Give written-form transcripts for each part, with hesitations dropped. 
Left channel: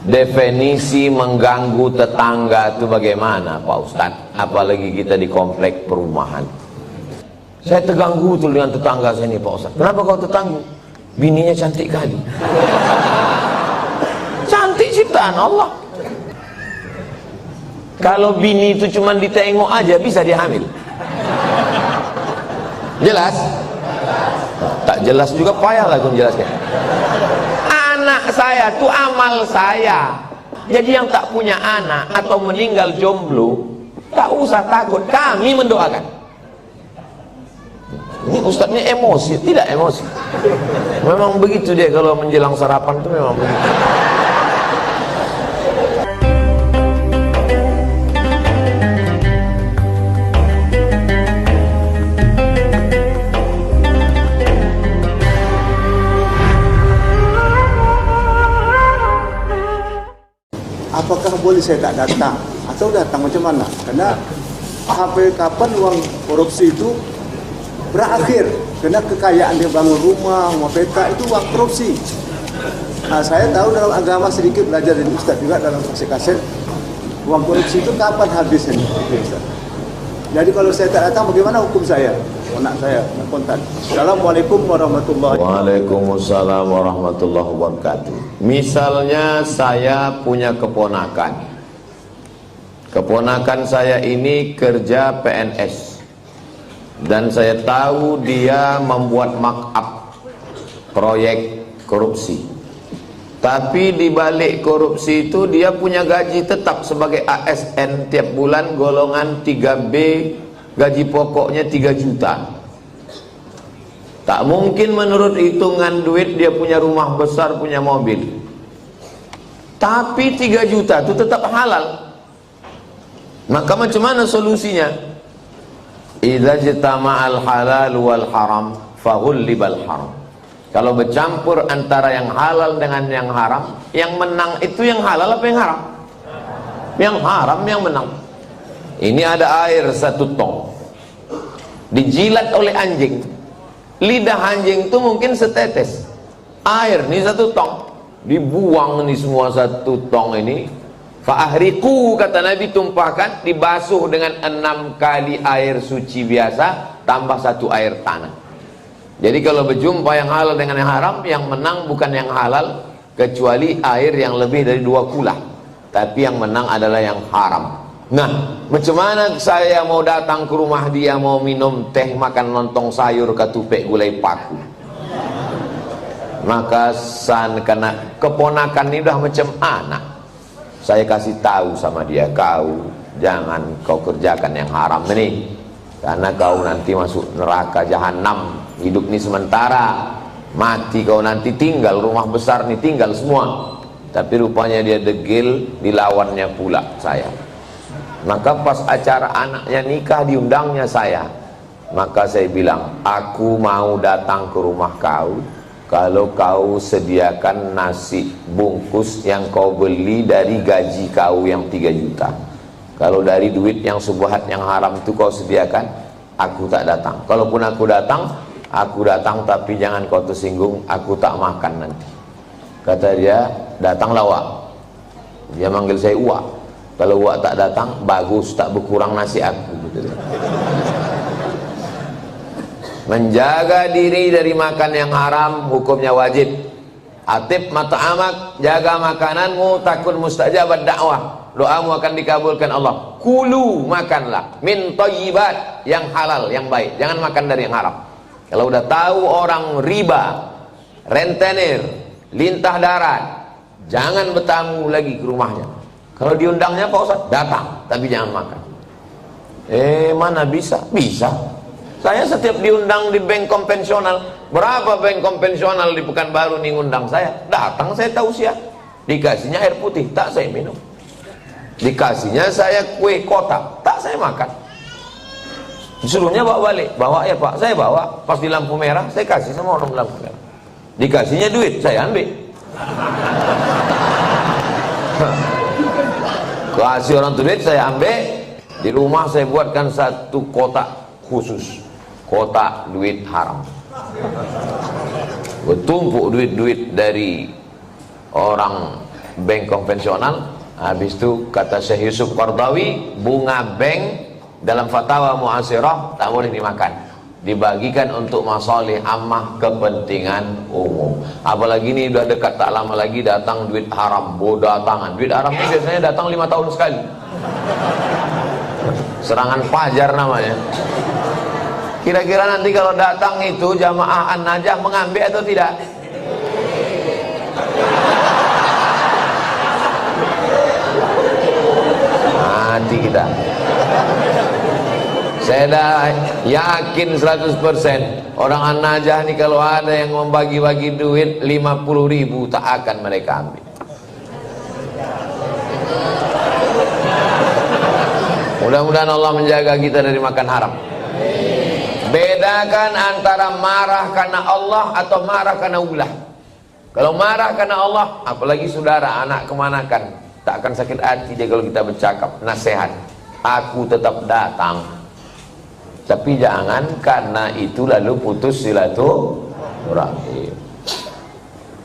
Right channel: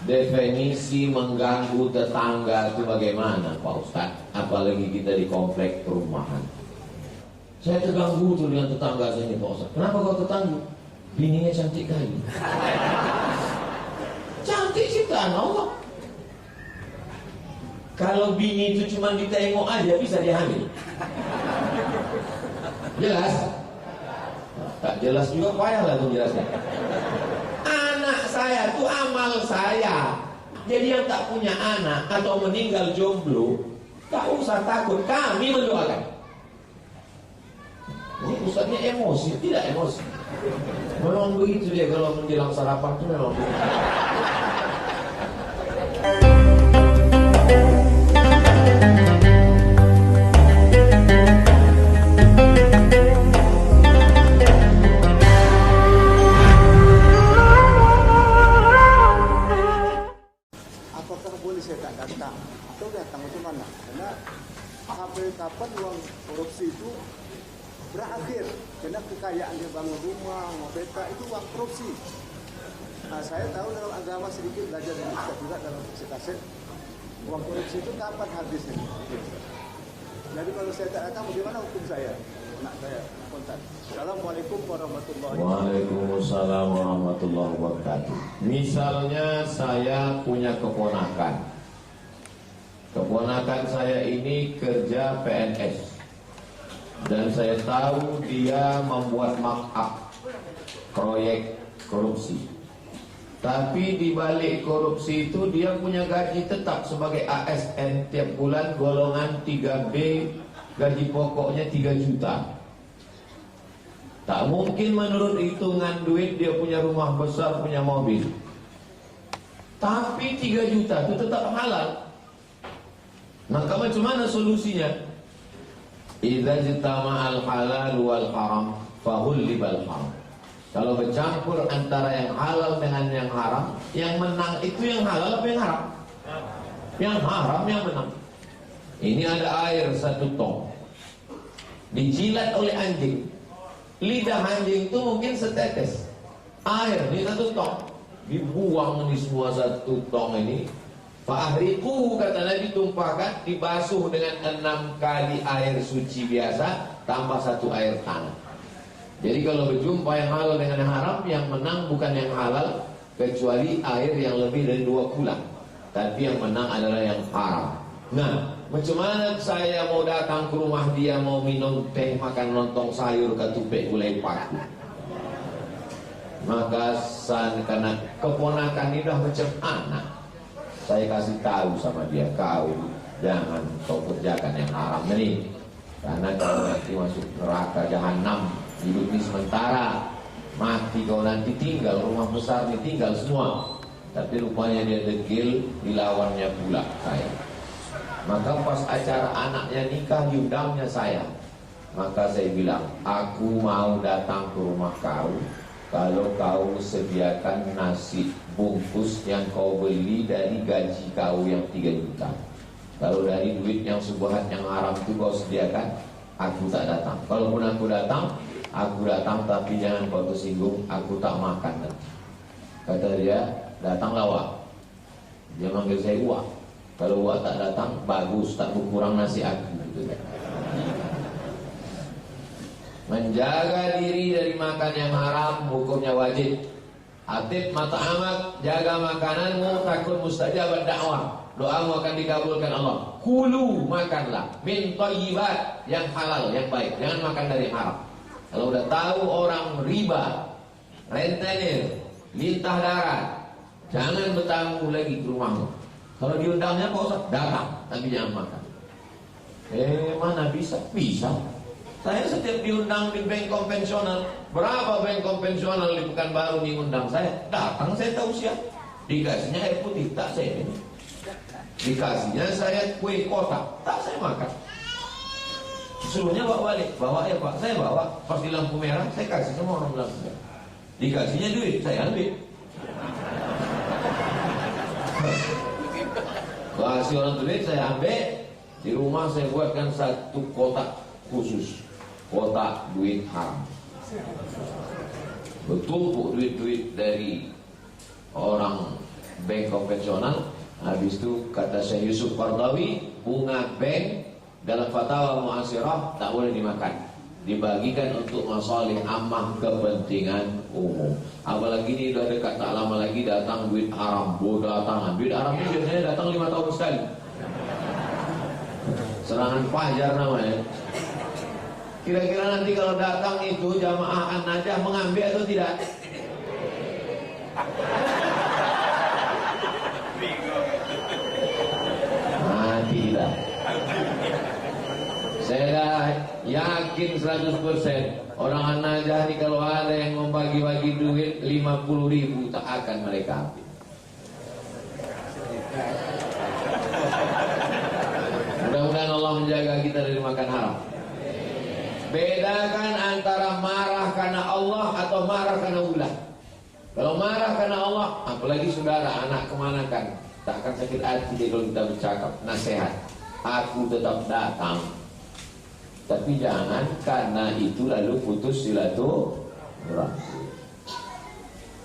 Definisi mengganggu tetangga itu bagaimana Pak Ustadz? Apalagi kita di komplek perumahan. Saya terganggu tuh dengan tetangga saya ini Pak Ustadz. Kenapa kau terganggu? Bininya cantik kali. Cantik ciptaan Allah. Kalau bini itu cuma ditengok aja bisa dihamil. Jelas? Tak jelas juga payah lah menjelaskan. Anak saya itu amal saya. Jadi yang tak punya anak atau meninggal jomblo, tak usah takut, kami mendoakan. Ini ustadznya emosi, tidak emosi. Memang begitu dia kalau menjelang sarapan itu memang begitu. Apakah boleh saya tak datang atau datang macam mana? Karena sampai kapan uang korupsi itu berakhir? Karena kekayaan dia bangun rumah peta itu uang korupsi. Nah, saya tahu dalam agama sedikit belajar dari Ustaz juga dalam kaset uang korupsi itu kapan habisnya? Jadi kalau saya tak datang bagaimana hukum saya? Anak saya kontak. Assalamualaikum warahmatullahi wabarakatuh. Waalaikumsalam warahmatullahi wabarakatuh. Misalnya saya punya keponakan. Keponakan saya ini kerja PNS. Dan saya tahu dia membuat markup proyek korupsi. Tapi di balik korupsi itu dia punya gaji tetap sebagai ASN tiap bulan golongan 3B, gaji pokoknya 3 juta. Tak mungkin menurut hitungan duit dia punya rumah besar, punya mobil. Tapi 3 juta itu tetap halal. Maka macam mana solusinya? Idza jitama'al halal wal haram fahullibal haram. Kalau bercampur antara yang halal dengan yang haram, yang menang itu yang halal apa yang haram? Yang haram yang menang. Ini ada air 1 tong, dijilat oleh anjing. Lidah anjing itu mungkin setetes air, ini 1 tong, dibuang nih semua 1 tong ini. Fa'ahriku, kata Nabi, tumpahkan, dibasuh dengan 6 kali air suci biasa tambah 1 air tanah. Jadi kalau berjumpa yang halal dengan yang haram, yang menang bukan yang halal, kecuali air yang lebih dari 2 kula. Tapi yang menang adalah yang haram. Nah, macam mana saya mau datang ke rumah dia, mau minum teh, makan lontong sayur, ketupek gulai paku? Maka karena keponakan ini udah macam anak, saya kasih tahu sama dia, kau jangan kau kerjakan yang haram ini, karena kau nanti masuk neraka jahanam. Hidup ini sementara, mati kau nanti tinggal rumah besar nih, tinggal semua. Tapi rupanya dia degil, dilawannya pula saya. Maka pas acara anaknya nikah, diundangnya saya. Maka saya bilang, aku mau datang ke rumah kau kalau kau sediakan nasi bungkus yang kau beli dari gaji kau yang 3 juta. Kalau dari duit yang subuhat yang haram itu kau sediakan, aku tak datang. Kalaupun aku datang tapi jangan kau tersinggung, aku tak makan nanti. Kata dia, datanglah Wak. Dia manggil saya Wak. Kalau Wak tak datang, bagus, tak berkurang nasi aku. Menjaga diri dari makan yang haram hukumnya wajib. Atib mata'amak, jaga makananmu, takun mustajabat dakwah, doamu akan dikabulkan Allah. Kulu, makanlah min thayyibat, yang halal, yang baik, jangan makan dari yang haram. Kalau udah tahu orang riba, rentenir, lintah darat, jangan bertamu lagi ke rumahnya. Kalau diundangnya Pak Ustaz, datang, tapi jangan makan. Mana bisa? Bisa. Saya setiap diundang di bank konvensional, berapa bank konvensional di Pekanbaru nih undang saya, datang saya tausiah. Dikasihnya air putih, tak saya minum. Dikasihnya saya kue kotak, tak saya makan. Disuruhnya bawa balik, bawa ya Pak, saya bawa. Pas di lampu merah, saya kasih sama orang lampu merah. Dikasihnya duit, saya ambil. Kasih orang duit, saya ambil. Di rumah saya buatkan 1 kotak khusus, kotak duit haram. Bertumpuk duit-duit dari orang bank konvensional. Habis itu kata Syekh Yusuf Qardawi, bunga bank dalam fatwa mu'asirah tak boleh dimakan, dibagikan untuk masalih ammah, kepentingan umum. Apalagi ini udah dekat, tak lama lagi datang duit haram, datangan duit haram ini biasanya datang 5 tahun sekali. Serangan fajar namanya. Kira-kira nanti kalau datang itu jamaah An-Najah mengambil atau tidak? Nanti kita. Saya dah yakin 100% orang An-Najah ni kalau ada yang membagi-bagi duit 50.000 tak akan mereka ambil. Mudah-mudahan Allah menjaga kita dari makan haram. Bedakan antara marah karena Allah atau marah karena ulah. Kalau marah karena Allah, apalagi saudara, anak kemanakan, tak akan sakit hati dia kalau kita bercakap, nasihat. Aku tetap datang. Tapi jangan karena itu lalu putus silaturahim.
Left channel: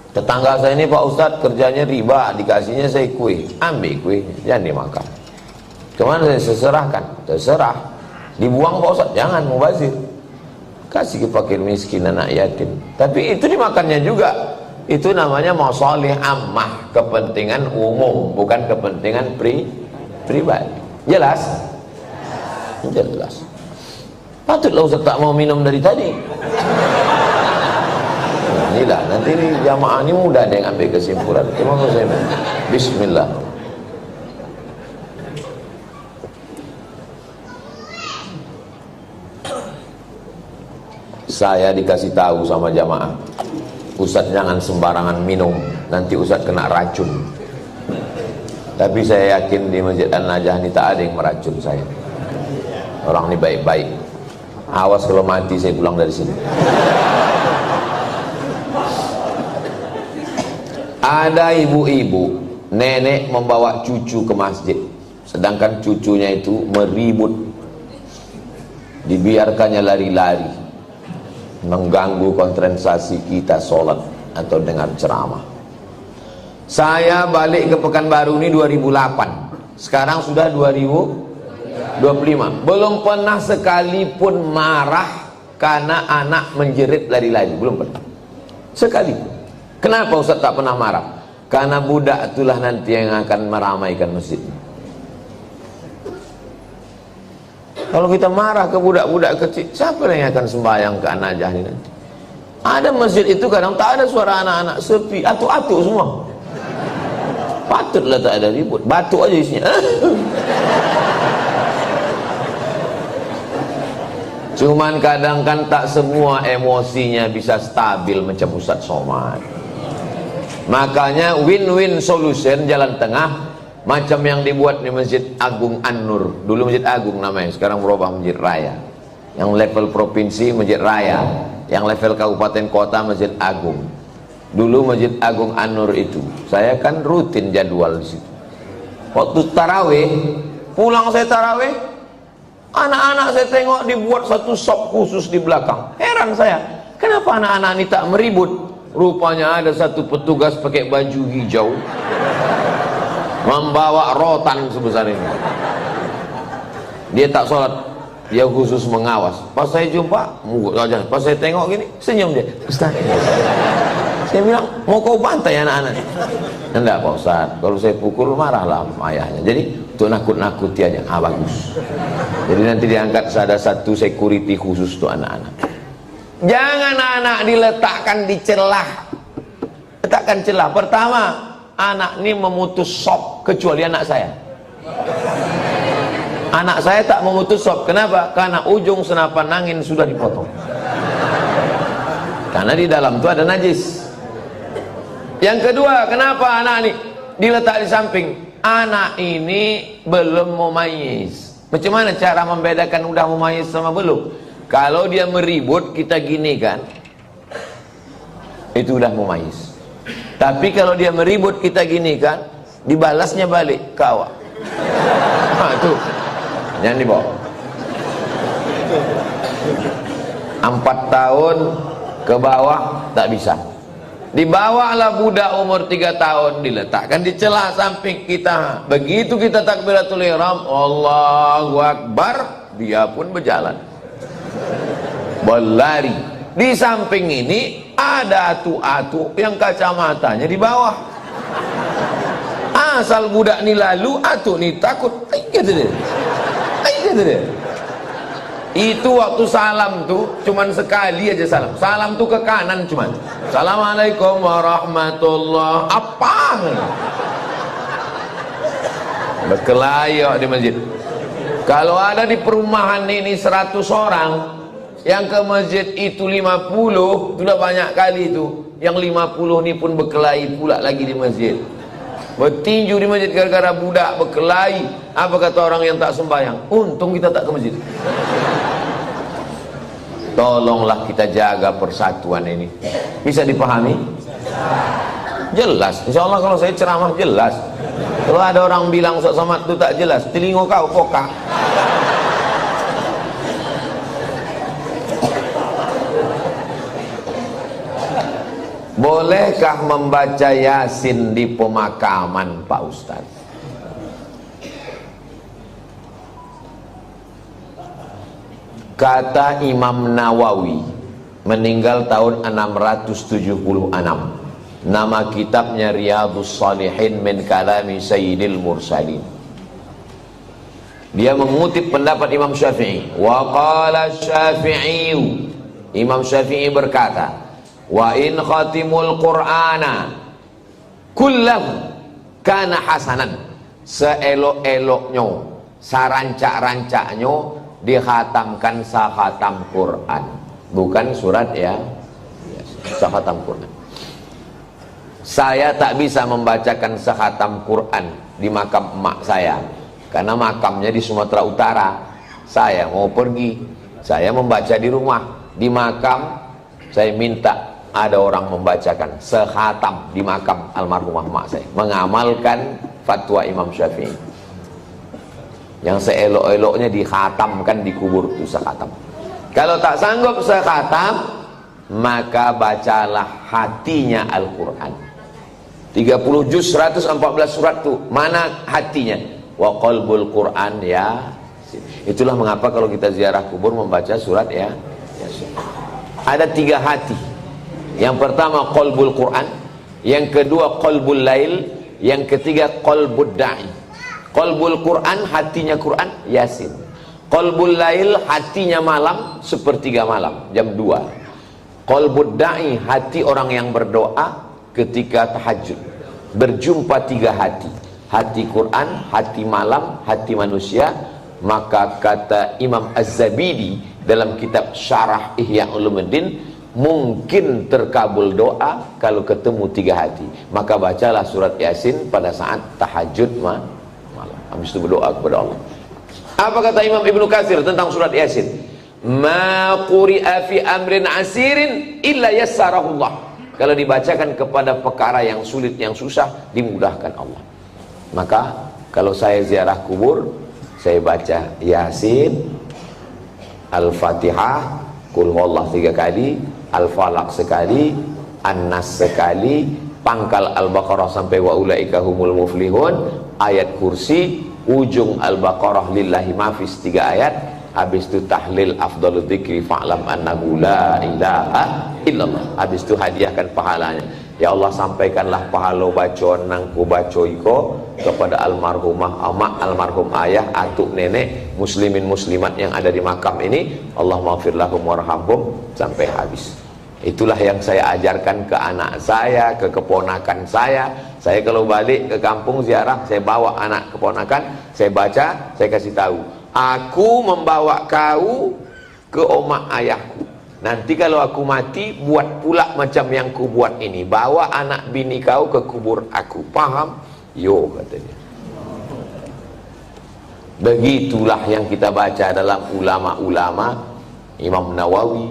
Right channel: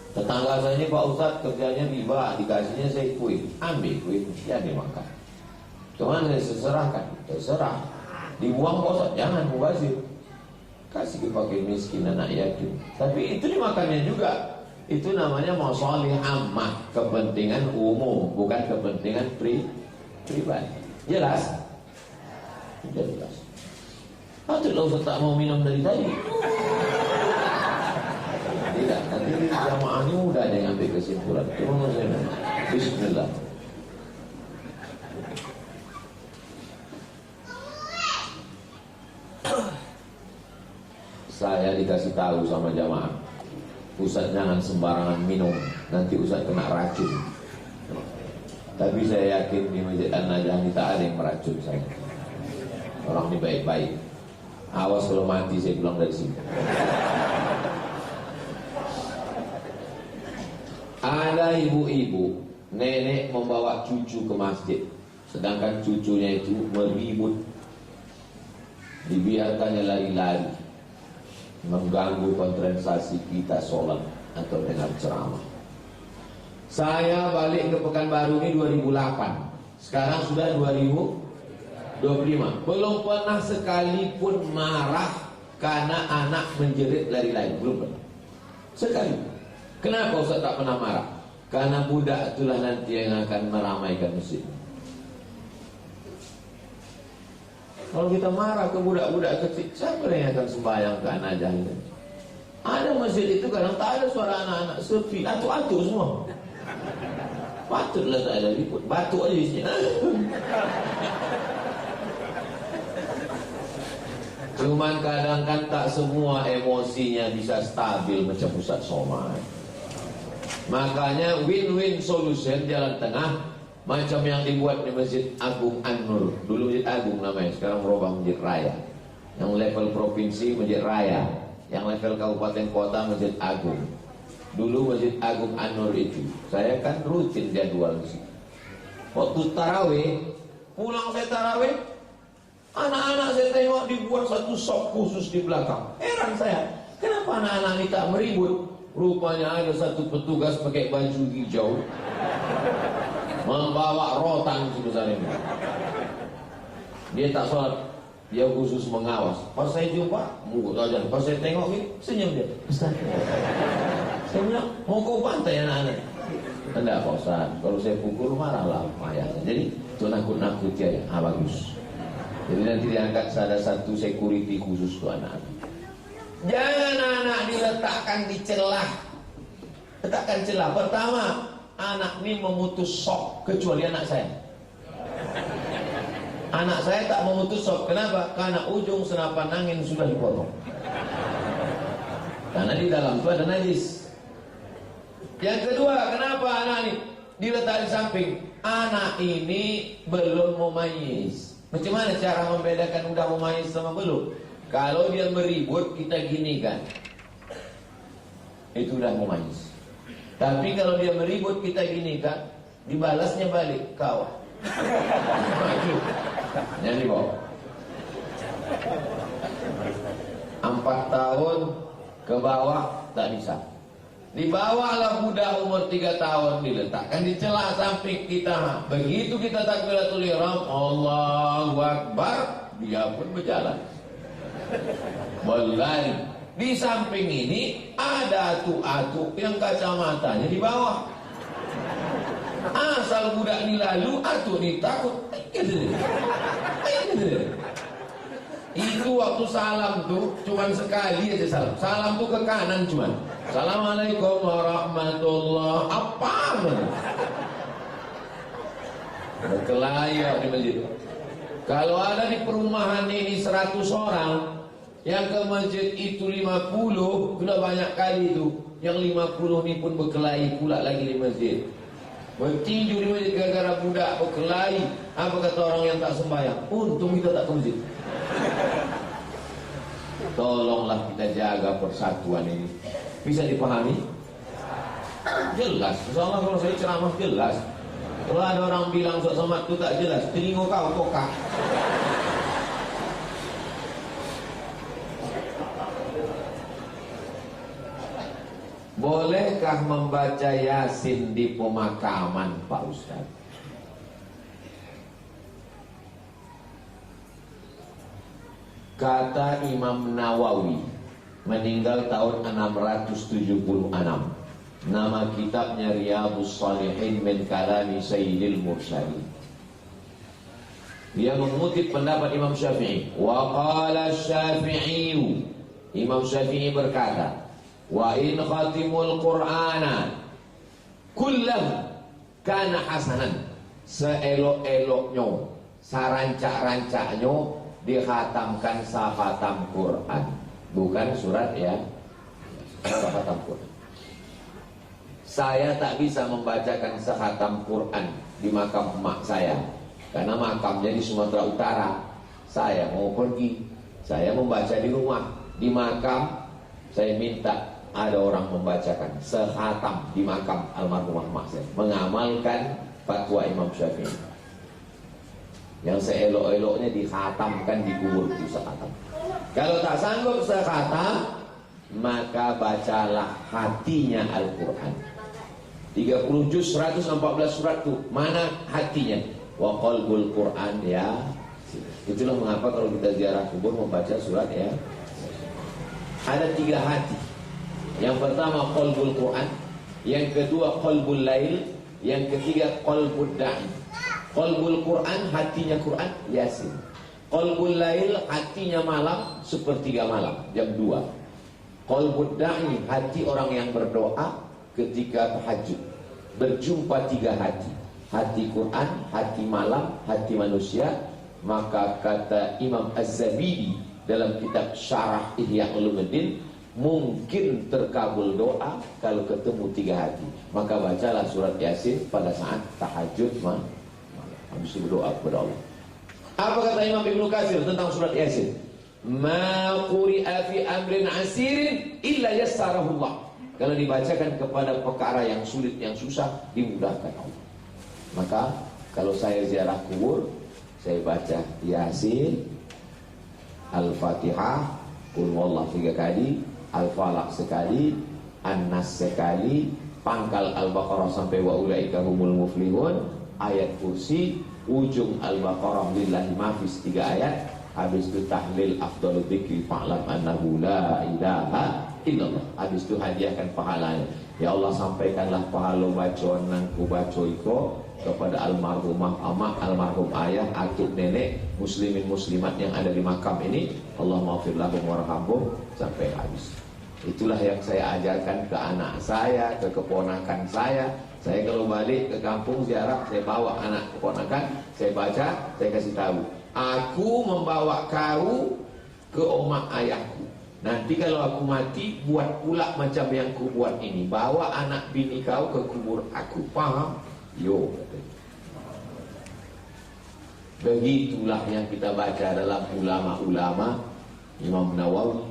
Tetangga saya ini Pak Ustadz kerjanya riba, dikasihnya saya kue, ambil kuenya, jangan dimakan. Kemana saya serahkan? Terserah. Dibuang Pak Ustadz, jangan mubazir. Kasih ke fakir miskin, anak yatim. Tapi itu dimakannya juga. Itu namanya masalih ammah, kepentingan umum, bukan kepentingan pribadi. Jelas? Jelas. Patutlah Ustaz tak mau minum dari tadi. Inilah, nanti ini jamaah ini mudah dia ambil kesimpulan. Cuma saya bismillah. Saya dikasih tahu sama jamaah, Ustaz jangan sembarangan minum, nanti Ustaz kena racun. Tapi saya yakin di Masjid An-Najah ini tak ada yang meracun saya. Orang ini baik-baik. Awas kalau mati saya pulang dari sini. Ada ibu-ibu, nenek membawa cucu ke masjid, sedangkan cucunya itu meribut, dibiarkannya lari-lari, mengganggu konsentrasi kita sholat atau dengar ceramah. Saya balik ke Pekanbaru ini 2008, sekarang sudah 2025, belum pernah sekalipun marah karena anak menjerit lari-lari, belum pernah sekalipun. Kenapa Ustaz tak pernah marah? Karena budak itulah nanti yang akan meramaikan masjid. Kalau kita marah ke budak-budak kecil, siapa yang akan sembahyang ke An-Najah ini nanti? Ada masjid itu kadang tak ada suara anak-anak, sepi, atuk-atuk semua. Patutlah tak ada ribut, batuk aja isinya. Cuman kadang kan tak semua emosinya bisa stabil macam Ustaz Somad. Makanya win-win solution, jalan tengah, macam yang dibuat di Masjid Agung An-Nur. Dulu Masjid Agung namanya, sekarang berubah Masjid Raya. Yang level provinsi Masjid Raya, yang level kabupaten kota Masjid Agung. Dulu Masjid Agung An-Nur itu, saya kan rutin jadwal di situ. Waktu tarawih, pulang saya tarawih, anak-anak saya tengok dibuat satu sop khusus di belakang. Heran saya, kenapa anak-anak ini tak meribut? Rupanya ada satu petugas pakai baju hijau, membawa rotan sebesar ini. Dia tak sholat, dia khusus mengawas. Pas saya jumpa, pas saya tengok gini, senyum dia. Ustaz, saya bilang, mau kau bantai anak-anak? Enggak Pak Ustaz, kalau saya pukul marahlah ayahnya. Jadi untuk nakut-nakuti aja. Bagus. Jadi nanti diangkat ada satu security khusus untuk anak-anak. Jangan anak diletakkan di celah. Letakkan celah. Pertama, anak ini memutus sop, kecuali anak saya. Anak saya tak memutus sop. Kenapa? Karena ujung senapan angin sudah dipotong. Karena di dalam itu ada najis. Yang kedua, kenapa anak ini diletak di samping? Anak ini belum mumayyiz. Macam mana cara membedakan udah mumayyiz sama belum? Kalau dia meribut, kita gini kan, itu udah mumayyiz. Tapi kalau dia meribut, kita gini kan, dibalasnya balik, kawa. Tuh, jangan dibawa. 4 tahun ke bawah tak bisa. Dibawalah budak umur 3 tahun, diletakkan di celah samping kita. Begitu kita takbiratul ihram, Allahu Akbar, dia pun berjalan, berlari. Di samping ini ada atu-atu yang kacamatanya di bawah. Asal budak ni lalu, atu ni takut. Kata dia. Itu waktu salam tuh cuman sekali aja salam. Salam tuh ke kanan cuman. Assalamualaikum warahmatullahi apa? Berkelahi di masjid. Kalau ada di perumahan ini 100 orang, yang ke masjid itu 50, sudah banyak kali itu. Yang 50 ini pun berkelahi pula lagi di masjid. Bertinju di masjid gara-gara budak berkelahi. Apa kata orang yang tak sembahyang? Untung kita tak ke masjid. Tolonglah kita jaga persatuan ini. Bisa dipahami? Jelas. Insya Allah kalau saya ceramah jelas. Kalau ada orang bilang Ustaz Somad itu tak jelas, telinga kau kokak. Bolehkah membaca Yasin di pemakaman, Pak Ustaz? Kata Imam Nawawi, meninggal tahun 676. Nama kitabnya Riyadhus Shalihin min kalami Sayyidil Mursalin. Dia mengutip pendapat Imam Syafi'i. Wa qala Syafi'i, Imam Syafi'i berkata, wa in khatimul Qur'ana kullahu kana hasanan. Seelok-eloknya, sarancak-rancaknya dikhatamkan sakhatam Quran, bukan surat ya, sakhatam Quran. Saya tak bisa membacakan sakhatam Quran di makam emak saya karena makamnya di Sumatera Utara. Saya mau pergi, saya membaca di rumah. Di makam saya minta ada orang membacakan sekhatam di makam almarhumah emak saya, mengamalkan fatwa Imam Syafi'i. Yang seelok-eloknya dikhatamkan, dikubur itu sekhatam. Kalau tak sanggup sekhatam, maka bacalah hatinya Al-Quran. 30 juz 114 surat tuh, mana hatinya? Wa qalbul Quran ya. Itulah mengapa kalau kita ziarah kubur membaca surat ya. Ada 3 hati. Yang pertama qalbul Quran, yang kedua qalbul lail, yang ketiga qalbud da'i. Qalbul Quran, hatinya Quran, Yasin. Qalbul lail, hatinya malam, sepertiga malam, jam 2. Qalbud da'i, hati orang yang berdoa ketika tahajud. Berjumpa 3 hati. Hati Quran, hati malam, hati manusia. Maka kata Imam Az-Zabidi dalam kitab Syarah Ihya Ulumuddin, mungkin terkabul doa kalau ketemu 3 hati. Maka bacalah surat Yasin pada saat tahajud malam. Habis itu berdoa kepada Allah. Apa kata Imam Ibnu Katsir tentang surat Yasin? Ma quri'a fi amrin asirin illa yassarahullah. Kalau dibacakan kepada perkara yang sulit, yang susah, dimudahkan Allah. Maka kalau saya ziarah kubur, saya baca Yasin, Al-Fatihah, Qul huwallah 3 kali, Al-Falaq sekali, An-Nas sekali, pangkal Al-Baqarah sampai wa ulaika humul muflihun, ayat kursi, ujung Al-Baqarah lillahi mafis 3 ayat, habis itu tahlil afdalul dzikri fa'lam annahu la ilaha illallah, habis itu hadiahkan pahalanya. Ya Allah, sampaikanlah pahala bacaan nangku baco iko kepada almarhumah amak, almarhum ayah, atuk nenek, muslimin muslimat yang ada di makam ini. Allah maghfir lahum warhamhum sampai habis. Itulah yang saya ajarkan ke anak saya, ke keponakan saya. Saya kalau balik ke kampung ziarah, saya bawa anak keponakan, saya baca, saya kasih tahu. Aku membawa kau ke omak ayahku. Nanti kalau aku mati, buat pula macam yang ku buat ini. Bawa anak bini kau ke kubur aku. Paham? Yo, katanya. Begitulah yang kita baca dalam ulama-ulama Imam Nawawi.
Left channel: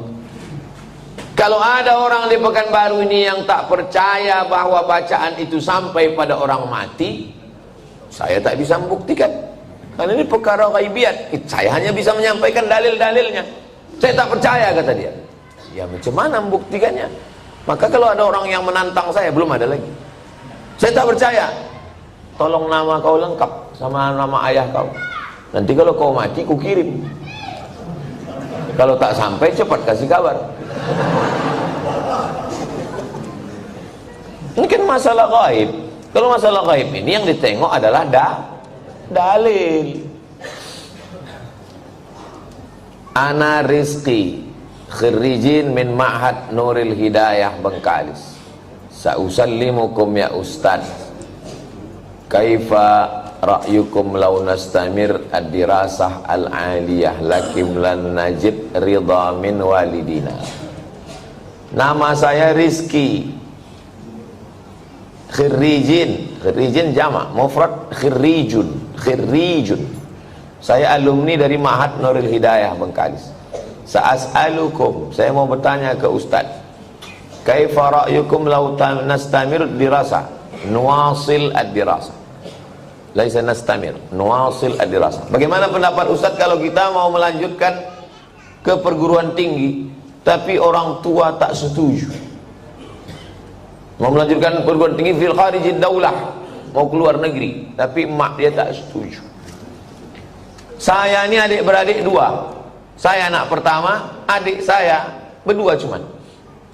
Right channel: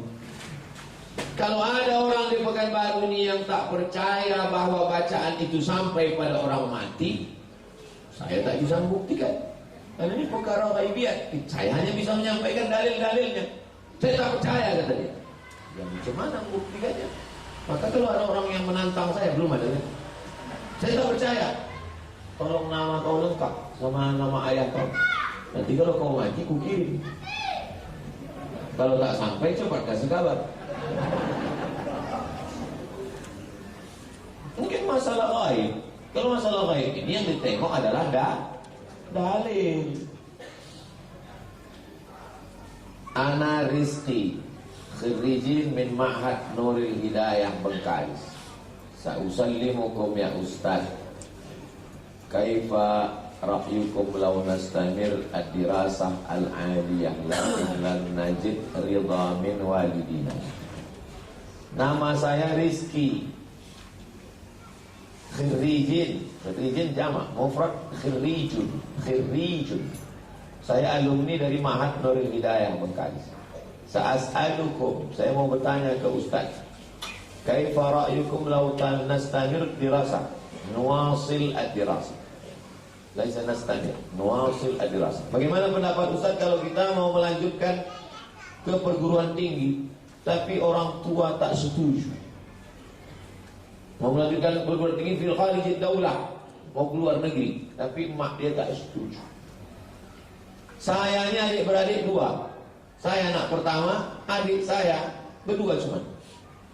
Kalau ada orang di Pekanbaru ini yang tak percaya bahwa bacaan itu sampai pada orang mati, saya tak bisa membuktikan. Karena ini perkara ghaibiat. Saya hanya bisa menyampaikan dalil-dalilnya. Saya tak percaya, kata dia. Ya macam mana membuktikannya? Maka kalau ada orang yang menantang saya, belum ada lagi. Saya tak percaya. Tolong nama kau lengkap sama nama ayah kau. Nanti kalau kau mati, ku kirim. Kalau tak sampai, cepat kasih kabar. Mungkin masalah gaib. Kalau masalah gaib ini yang ditengok adalah dalil. Ana Rizki, khirijin min Ma'had Nuril Hidayah Bengkalis. Sa'usallimukum ya Ustaz. Kaifa ra'yukum law nastamir ad-dirasah al-aliyah lakim lan najid ridha min walidina. Nama saya Rizki. Khirijin jamak, mufrad khirijun. Saya alumni dari Ma'had Nuril Hidayah Bengkalis. Sa'as'alukum, saya mau bertanya ke Ustaz. Kaifa ra'yukum law nastamir ad-dirasah? Nuwasil ad-dirasah. Laisa nastamir, nuwasil ad-dirasah. Bagaimana pendapat Ustaz kalau kita mau melanjutkan ke perguruan tinggi tapi orang tua tak setuju? Mau melanjutkan perguruan tinggi fil kharijid daulah, mau keluar negeri, tapi emak dia tak setuju. Saya ini adik-beradik dua. Saya anak pertama, adik saya berdua cuman.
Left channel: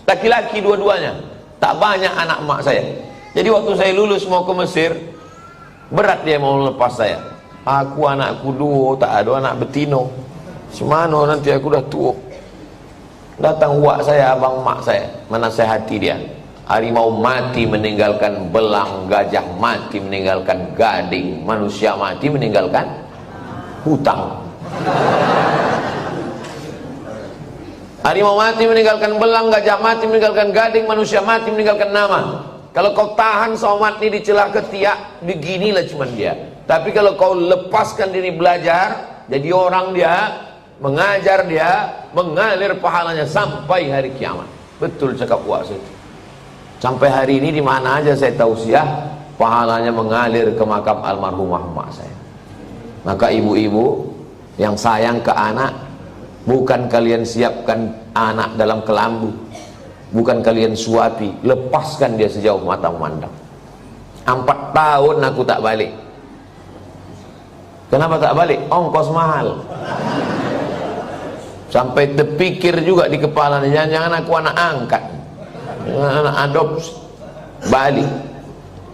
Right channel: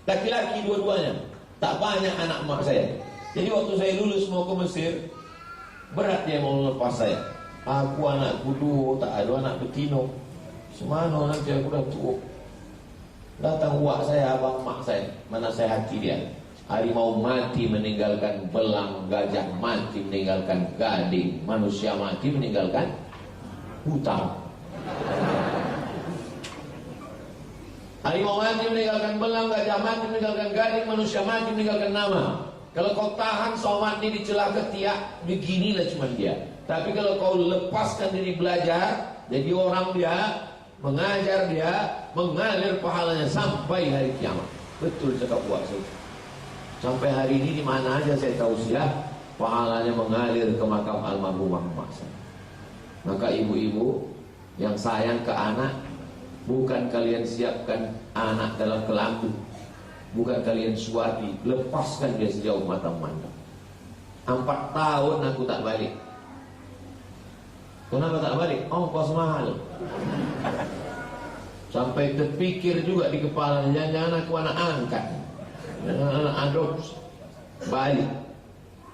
Laki-laki dua-duanya. Tak banyak anak emak saya. Jadi waktu saya lulus mau ke Mesir, berat dia mau lepas saya. Aku anakku dua, tak ada anak betino. Semana nanti aku dah tua. Datang uak saya, abang mak saya, menasihati dia. Harimau mati meninggalkan belang, gajah mati meninggalkan gading, manusia mati meninggalkan hutang. Harimau mati meninggalkan belang, gajah mati meninggalkan gading, manusia mati meninggalkan nama. Kalau kau tahan somat ini dicelah ketiak, beginilah cuman dia. Tapi kalau kau lepaskan diri belajar, jadi orang dia, mengajar dia, mengalir pahalanya sampai hari kiamat. Betul cakap puasa itu. Sampai hari ini di mana aja saya tausiah, pahalanya mengalir ke makam almarhumah mak saya. Maka ibu-ibu yang sayang ke anak, bukan kalian siapkan anak dalam kelambu, bukan kalian suapi, lepaskan dia sejauh mata memandang. 4 tahun aku tak balik. Kenapa tak balik? Ongkos mahal. Sampai terpikir juga di kepala, jangan-jangan aku anak angkat, anak adopsi, balik.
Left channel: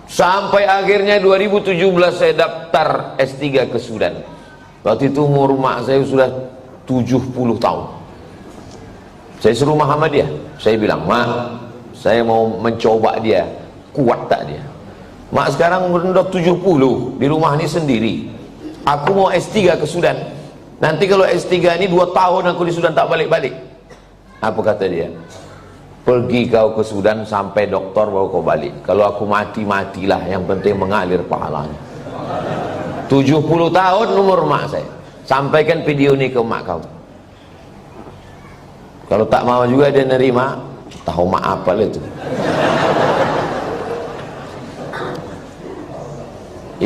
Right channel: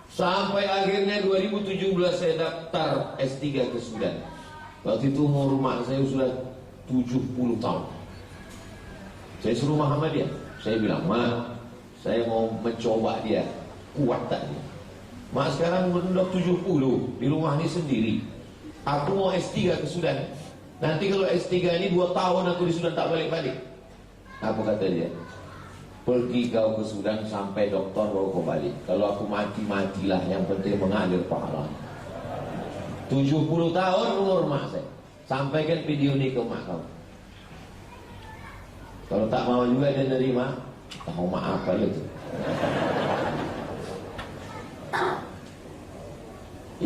Sampai akhirnya 2017 saya daftar S3 ke Sudan. Waktu itu umur mak saya sudah 70 tahun. Saya suruh Muhammadiyah. Saya bilang, mak, saya mau mencoba dia, kuat tak dia. Mak sekarang udah 70, di rumah ini sendiri. Aku mau S3 ke Sudan. Nanti kalau S3 ini 2 tahun aku di Sudan tak balik-balik. Apa kata dia? Pergi kau ke Sudan sampai doktor baru kau balik. Kalau aku mati, matilah, yang penting mengalir pahalanya. 70 tahun umur mak saya. Sampaikan video ini ke mak kau. Kalau tak mau juga dia nerima, tahu mak apa itu.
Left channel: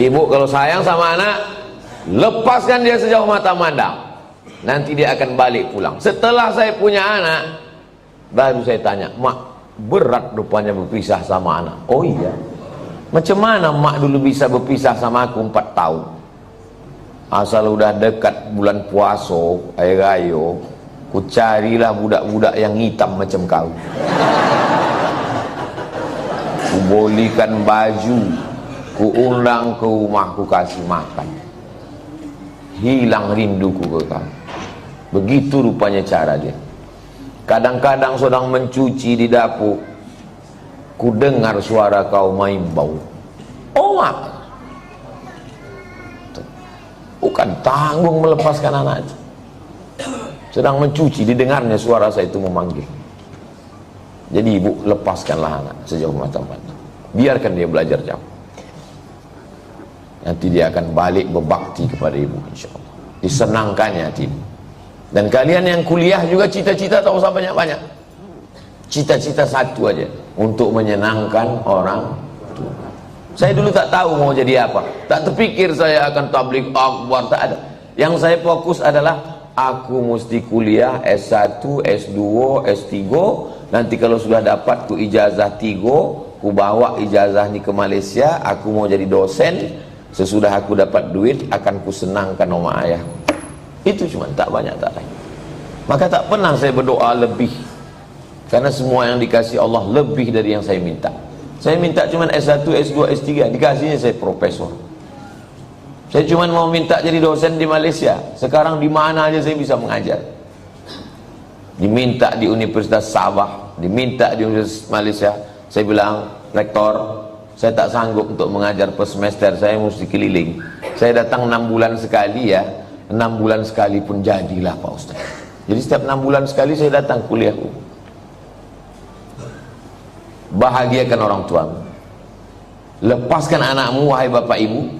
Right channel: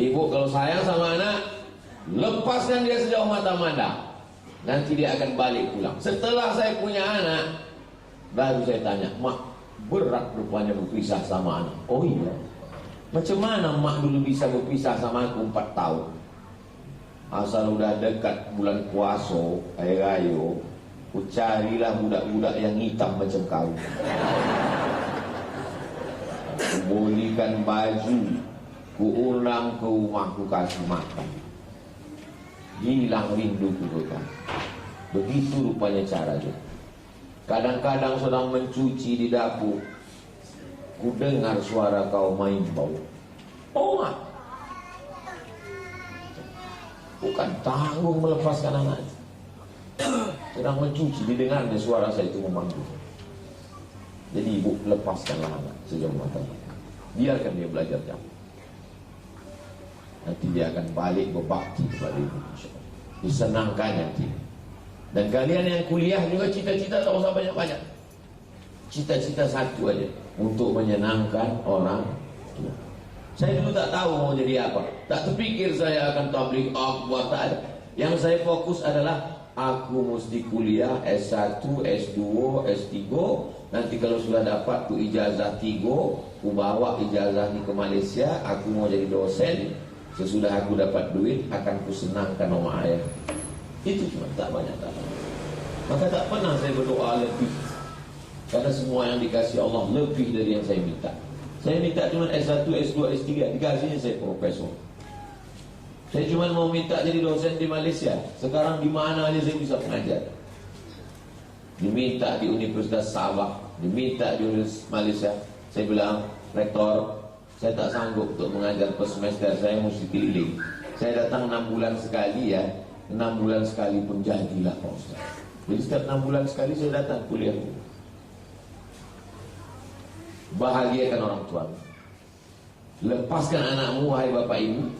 Ibu kalau sayang sama anak, lepaskan dia sejauh mata mandang. Nanti dia akan balik pulang. Setelah saya punya anak, baru saya tanya, mak, berat rupanya berpisah sama anak. Oh iya. Macam mana mak dulu bisa berpisah sama aku 4 tahun? Asal udah dekat bulan puasa, air raya, ku carilah budak-budak yang hitam macam kau. Ku bolikan baju, ku undang ke rumah, ku kasih makan. Hilang rinduku ke kau. Begitu rupanya cara dia. Kadang-kadang sedang mencuci di dapur, ku dengar suara kau main bau. Oh mak, bukan tanggung melepaskan anak itu. Sedang mencuci, didengarnya suara saya itu memanggil. Jadi ibu, lepaskanlah anak sejauh mata-mata. Biarkan dia belajar jauh. Nanti dia akan balik berbakti kepada ibu, insya Allah. Disenangkannya hati ibu. Dan kalian yang kuliah juga cita-cita tak usah banyak-banyak. Cita-cita satu aja, untuk menyenangkan orang tua. Saya dulu tak tahu mau jadi apa. Tak terpikir saya akan tabligh akbar, tak ada. Yang saya fokus adalah aku mesti kuliah S1, S2, S3 nanti kalau sudah dapat ku ijazah 3, ku bawa ijazah ini ke Malaysia, aku mau jadi dosen, sesudah aku dapat duit akan ku senangkan oma ayah. Itu cuma, tak banyak, tak lain. Maka tak pernah saya berdoa lebih, karena semua yang dikasih Allah lebih dari yang saya minta. Saya minta cuma S1, S2, S3, dikasihnya saya profesor. Saya cuma mau minta jadi dosen di Malaysia, sekarang di mana aja saya bisa mengajar. Diminta di Universitas Sabah, diminta di Universitas Malaysia. Saya bilang, rektor, saya tak sanggup untuk mengajar per semester, saya mesti keliling. Saya datang 6 bulan sekali ya, 6 bulan sekali pun jadilah Pak Ustaz. Jadi setiap 6 bulan sekali saya datang kuliah. Bahagiakan orang tuamu, lepaskan anakmu wahai bapak ibu.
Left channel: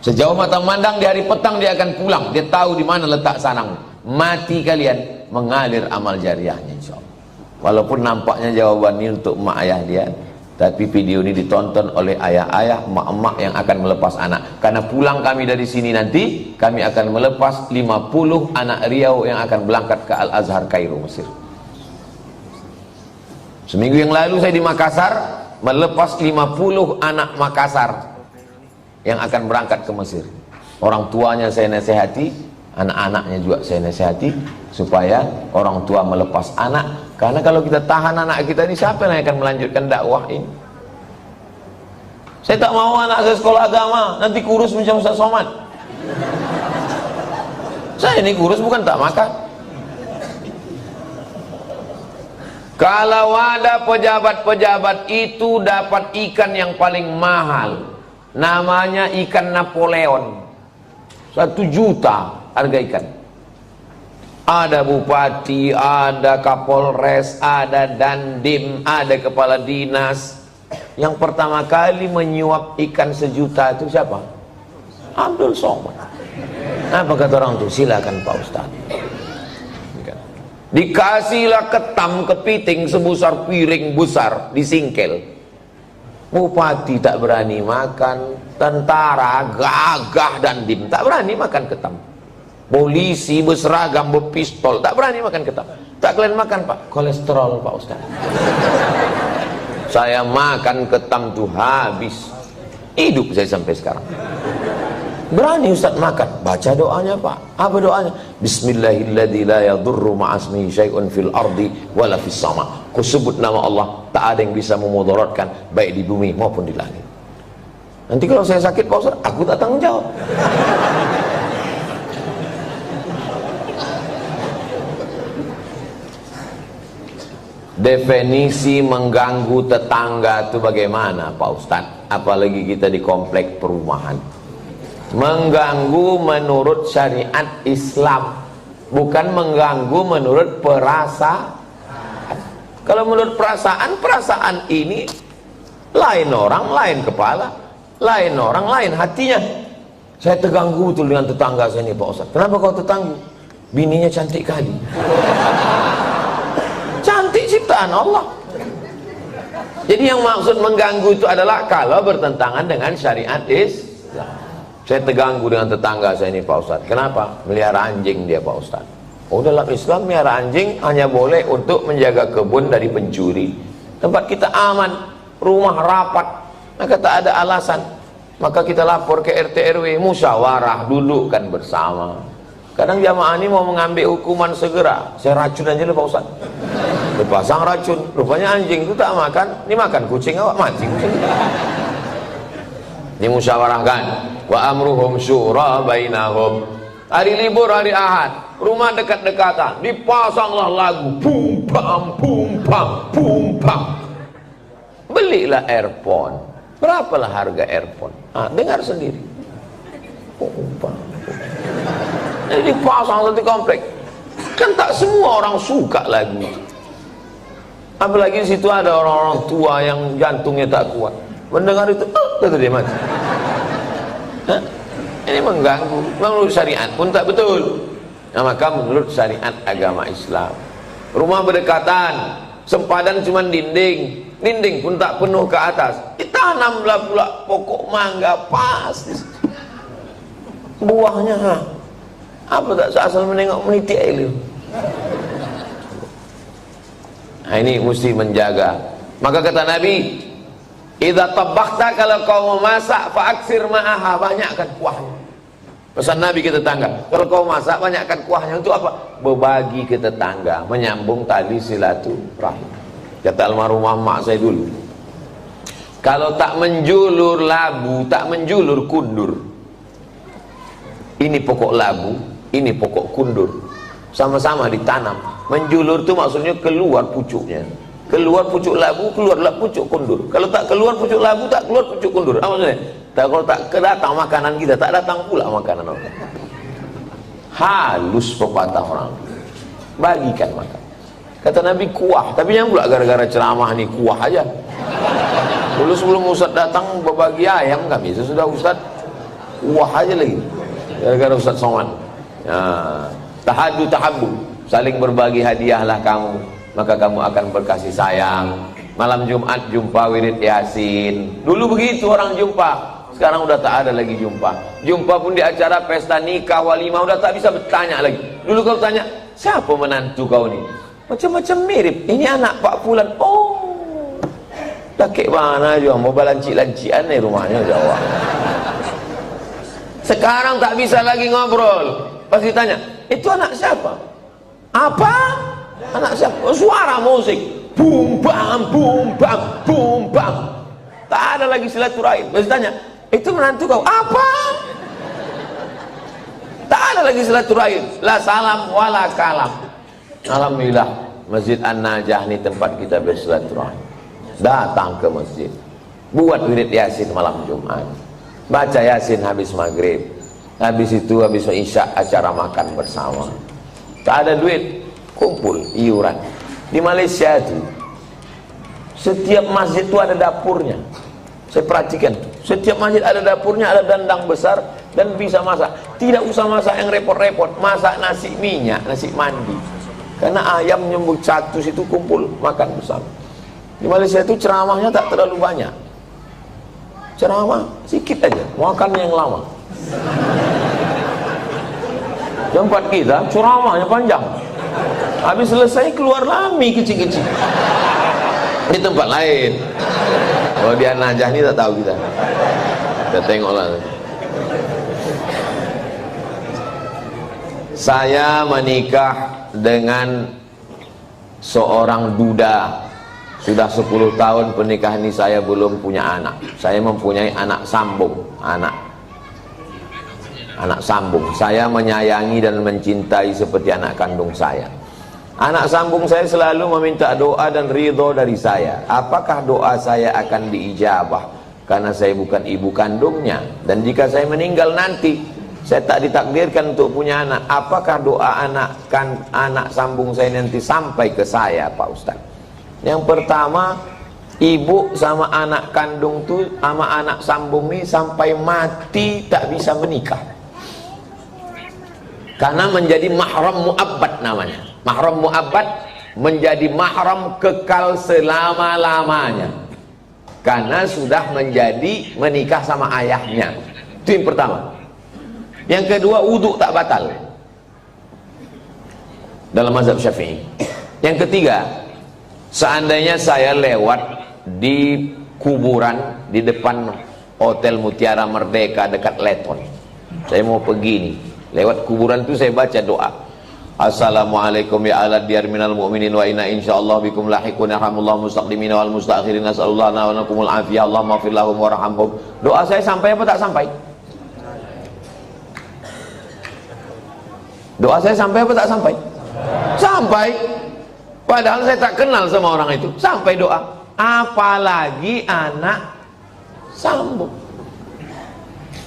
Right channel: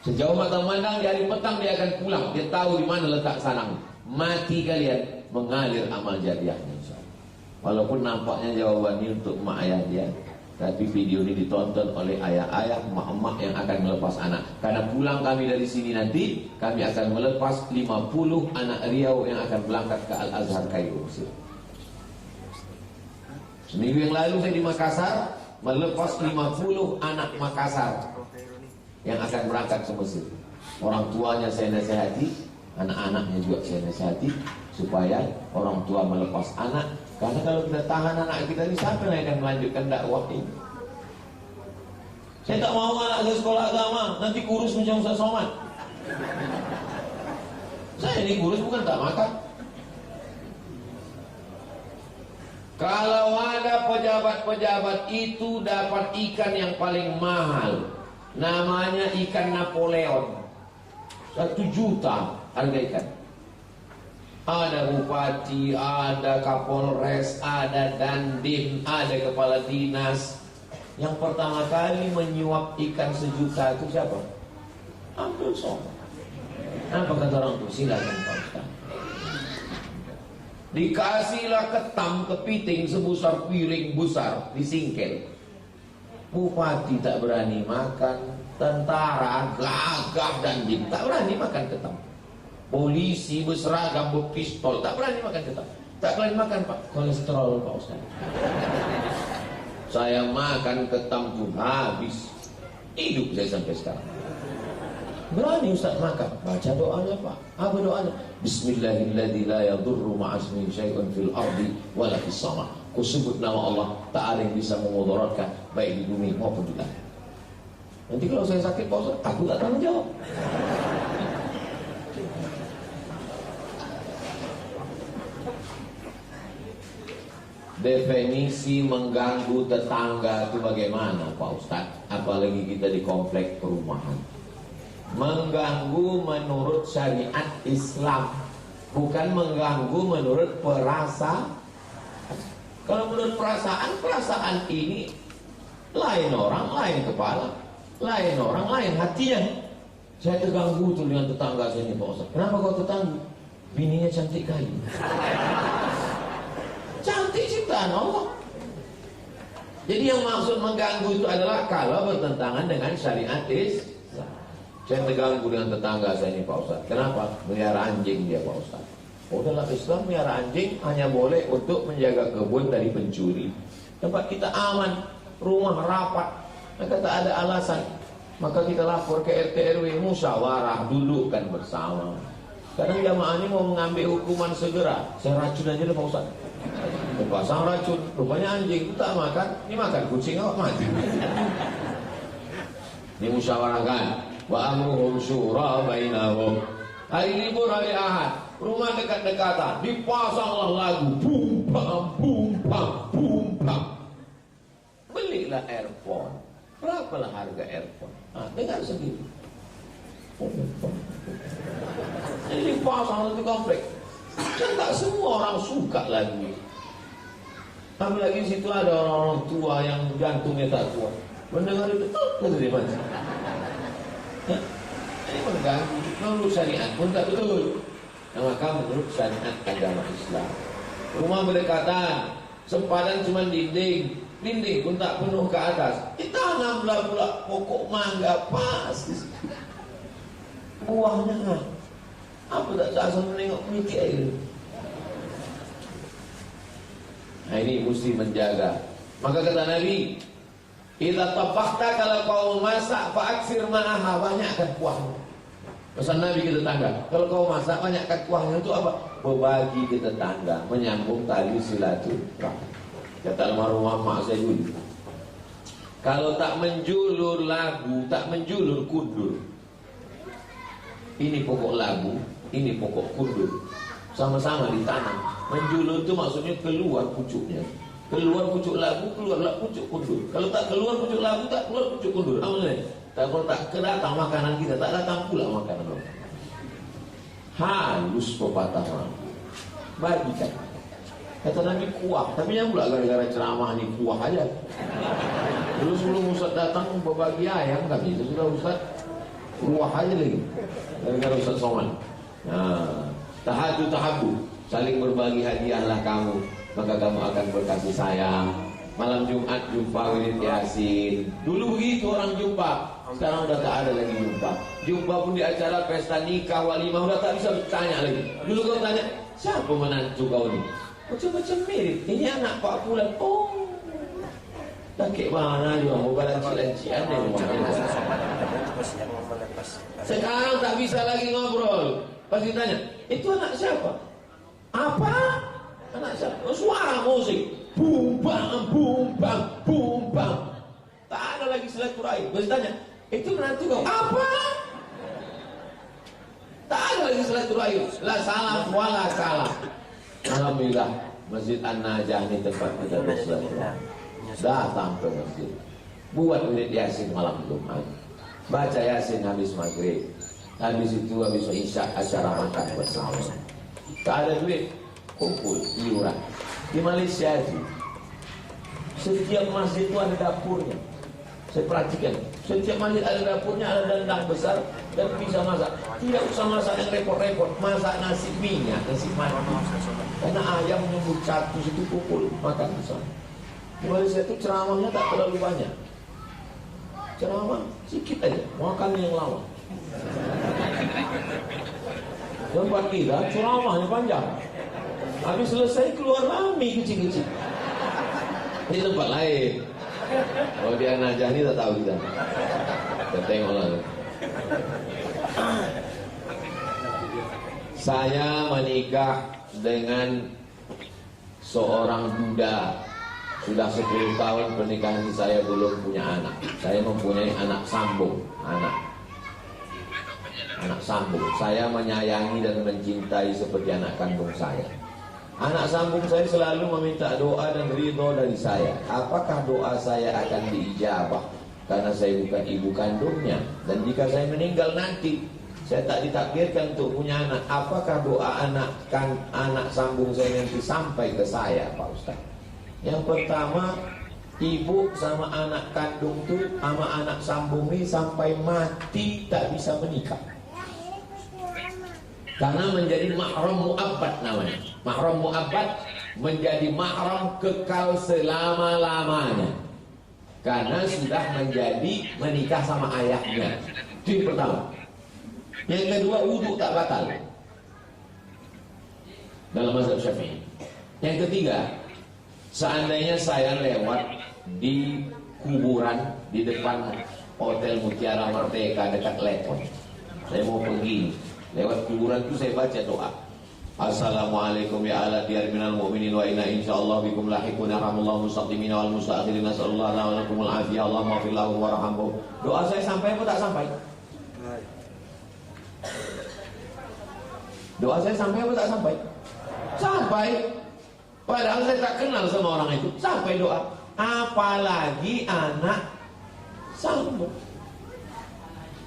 Sejauh mata memandang di hari petang dia akan pulang, dia tahu di mana letak sarang. Mati kalian mengalir amal jariahnya insyaallah. Walaupun nampaknya jawaban ini untuk mak ayah dia, tapi video ini ditonton oleh ayah-ayah, emak-emak yang akan melepas anak. Karena pulang kami dari sini nanti, kami akan melepas 50 anak Riau yang akan berangkat ke Al-Azhar Kairo, Mesir. Seminggu yang lalu saya di Makassar, melepas 50 anak Makassar yang akan berangkat ke Mesir. Orang tuanya saya nasihati, anak-anaknya juga saya nasihati, supaya orang tua melepas anak. Karena kalau kita tahan anak kita ini, siapa yang akan melanjutkan dakwah ini? Saya tak mau anak saya sekolah agama, nanti kurus macam Ustaz Somad. Saya ini kurus bukan tak makan. Kalau ada pejabat-pejabat itu dapat ikan yang paling mahal, namanya ikan Napoleon, 1 juta harga ikan. Ada bupati, ada kapolres, ada dandim, ada kepala dinas. Yang pertama kali menyuap ikan 1 juta itu siapa? Abdul Somad. Apa kata orang itu? Silakan Pak Ustaz. Dikasihlah ketam kepiting sebesar piring besar, disingkel. Bupati tak berani makan, tentara gagah dandim tak berani makan ketam. Polisi berseragam berpistol tak berani makan ketam. Tak kalian makan Pak, kolesterol Pak Ustaz. Saya makan ketam tuh habis, hidup saya sampai sekarang. Berani Ustaz makan, baca doanya Pak. Apa doanya? Bismillahilladzi la yadurru ma'asmihi syai'un fil ardi wala fis sama. Ku sebut nama Allah, tak ada yang bisa memudaratkan baik di bumi maupun di langit. Nanti kalau saya sakit Pak Ustaz, aku tak tanggung jawab. Definisi mengganggu tetangga itu bagaimana Pak Ustaz? Apalagi kita di komplek perumahan. Mengganggu menurut syariat Islam, bukan mengganggu menurut perasaan. Kalau menurut perasaan, perasaan ini lain orang, lain kepala, lain orang, lain hatinya. Saya terganggu betul dengan tetangga saya ini Pak Ustaz. Kenapa kau terganggu? Bininya cantik kali. Cantik ciptaan Allah. Jadi yang maksud mengganggu itu adalah kalau bertentangan dengan syariat Islam. Saya terganggu dengan tetangga saya ini Pak Ustaz. Kenapa? Melihara anjing dia Pak Ustaz. Oh, dalam Islam melihara anjing hanya boleh untuk menjaga kebun dari pencuri. Tempat kita aman, rumah rapat, maka tak ada alasan. Maka kita lapor ke RT RW, musyawarah, dudukkan bersama. Kadang jamaah ini mau mengambil hukuman segera, saya racun aja Pak Ustaz. Dipasang racun, rupanya anjing itu tak makan, ini makan kucing awak mati. Ini musyawarahkan. Wa amruhum syura bainahum. Hari libur, hari Ahad, rumah dekat-dekatan, dipasanglah lagu bum bam bum bam bum bam. Belilah earphone. Berapalah harga earphone? Dengar sendiri. Bum bam. Jadi dipasang satu komplek. Kan tak semua orang suka lagu itu. Apalagi di situ ada orang-orang tua yang jantungnya tak kuat. Mendengar itu, betul dia mati. Ini mengganggu. Menurut syariat pun tak betul. Nah, maka menurut syariat agama Islam, rumah berdekatan, sempadan cuma dinding, dinding pun tak penuh ke atas, ditanamlah pula pokok mangga pas. Buahnya apa tak asal menengok meniti air. Nah, ini mesti menjaga. Maka kata Nabi, idza tabakhta, kalau kau memasak, fa'aksir ma'aha, banyakkan kuahnya. Pesan Nabi ke tetangga, kalau kau masak, banyakkan kuahnya. Untuk apa? Berbagi ke tetangga, menyambung tali silaturahim. Kata almarhumah mak saya dulu, kalau tak menjulur labu, tak menjulur kundur. Ini pokok labu, ini pokok kundur, sama-sama ditanam. Menjulur itu maksudnya keluar pucuknya. Keluar pucuk labu, keluarlah pucuk kundur. Kalau tak keluar pucuk labu, tak keluar pucuk kundur. Apa maksudnya? Kalau tak kedatang makanan kita, tak datang pula makanan orang. Halus pepatah orang. Bagikan makan. Kata Nabi kuah, tapi yang pula gara-gara ceramah nih kuah aja. Dulu sebelum Ustaz datang berbagi ayam kami, sesudah Ustaz kuah aja lagi. Gara-gara Ustaz Somad. Nah, tahadu tahabu, saling berbagi hadiahlah kamu, maka kamu akan berkasih sayang. Malam Jumat jumpa wirid Yasin. Dulu begitu orang jumpa. Sekarang udah tak ada lagi jumpa. Jumpa pun di acara pesta nikah, walimah, udah tak bisa bertanya lagi. Dulu kau tanya, siapa menantu kau ni? Macam-macam mirip. Ini anak Pak Fulan. Oh, dah kek mana juga, mau balancik-lancian nih rumahnya Jawa. Sekarang tak bisa lagi ngobrol. Pas ditanya, itu anak siapa? Apa? Anak siapa? Oh, suara musik. Bum bam, bum bam, bum bam. Tak ada lagi silaturahim. Pas ditanya, itu menantu kau? Apa? Tak ada lagi silaturahim. La salam wala kalam. Alhamdulillah, Masjid An-Najah ini tempat kita bersilaturahim. Datang ke masjid, buat wirid Yasin malam Jumat, baca Yasin habis maghrib, habis itu habis isya acara makan bersama. Tak ada duit, kumpul iuran. Di Malaysia itu setiap masjid itu ada dapurnya. Saya perhatikan, setiap masjid ada dapurnya, ada dandang besar dan bisa masak. Tidak usah masak yang repot-repot, masak nasi minyak, nasi mandi. Karena ayam nyembur satu situ kumpul makan bersama. Di Malaysia itu ceramahnya tak terlalu banyak. Ceramah sedikit aja, makan yang lama. Tempat kita ceramahnya panjang. Habis selesai keluar lami kecil-kecil. Di tempat lain. Kalau di An-Najah ini tak tahu kita. Kita tengoklah. Saya menikah dengan seorang duda. Sudah 10 tahun pernikahan ini saya belum punya anak. Saya mempunyai anak sambung, anak sambung. Saya menyayangi dan mencintai seperti anak kandung saya. Anak sambung saya selalu meminta doa dan ridho dari saya. Apakah doa saya akan diijabah? Karena saya bukan ibu kandungnya. Dan jika saya meninggal nanti, saya tak ditakdirkan untuk punya anak. Apakah doa anak sambung saya nanti sampai ke saya, Pak Ustaz? Yang pertama, ibu sama anak kandung tuh sama anak sambung ini sampai mati tak bisa menikah. Karena menjadi mahram mu'abbad namanya. Mahram mu'abbad menjadi mahram kekal selama-lamanya. Karena sudah menjadi menikah sama ayahnya. Itu yang pertama. Yang kedua, wudhu tak batal dalam mazhab Syafi'i. Yang ketiga, seandainya saya lewat di kuburan di depan Hotel Mutiara Merdeka dekat Leton, saya mau pergi nih, lewat kuburan itu saya baca doa, Assalamualaikum ya ala diyar minal mu'minin wa inna insyaallah bikum lahiqun yarhamullahu mustaqdimin wal mustakhirin nasallallahu wa lakumul afiyah Allahumma fir lahum warhamhum. Doa saya sampai apa tak sampai? Doa saya sampai apa tak sampai? Sampai. Padahal saya tak kenal sama orang itu. Sampai doa. Apalagi anak sambung.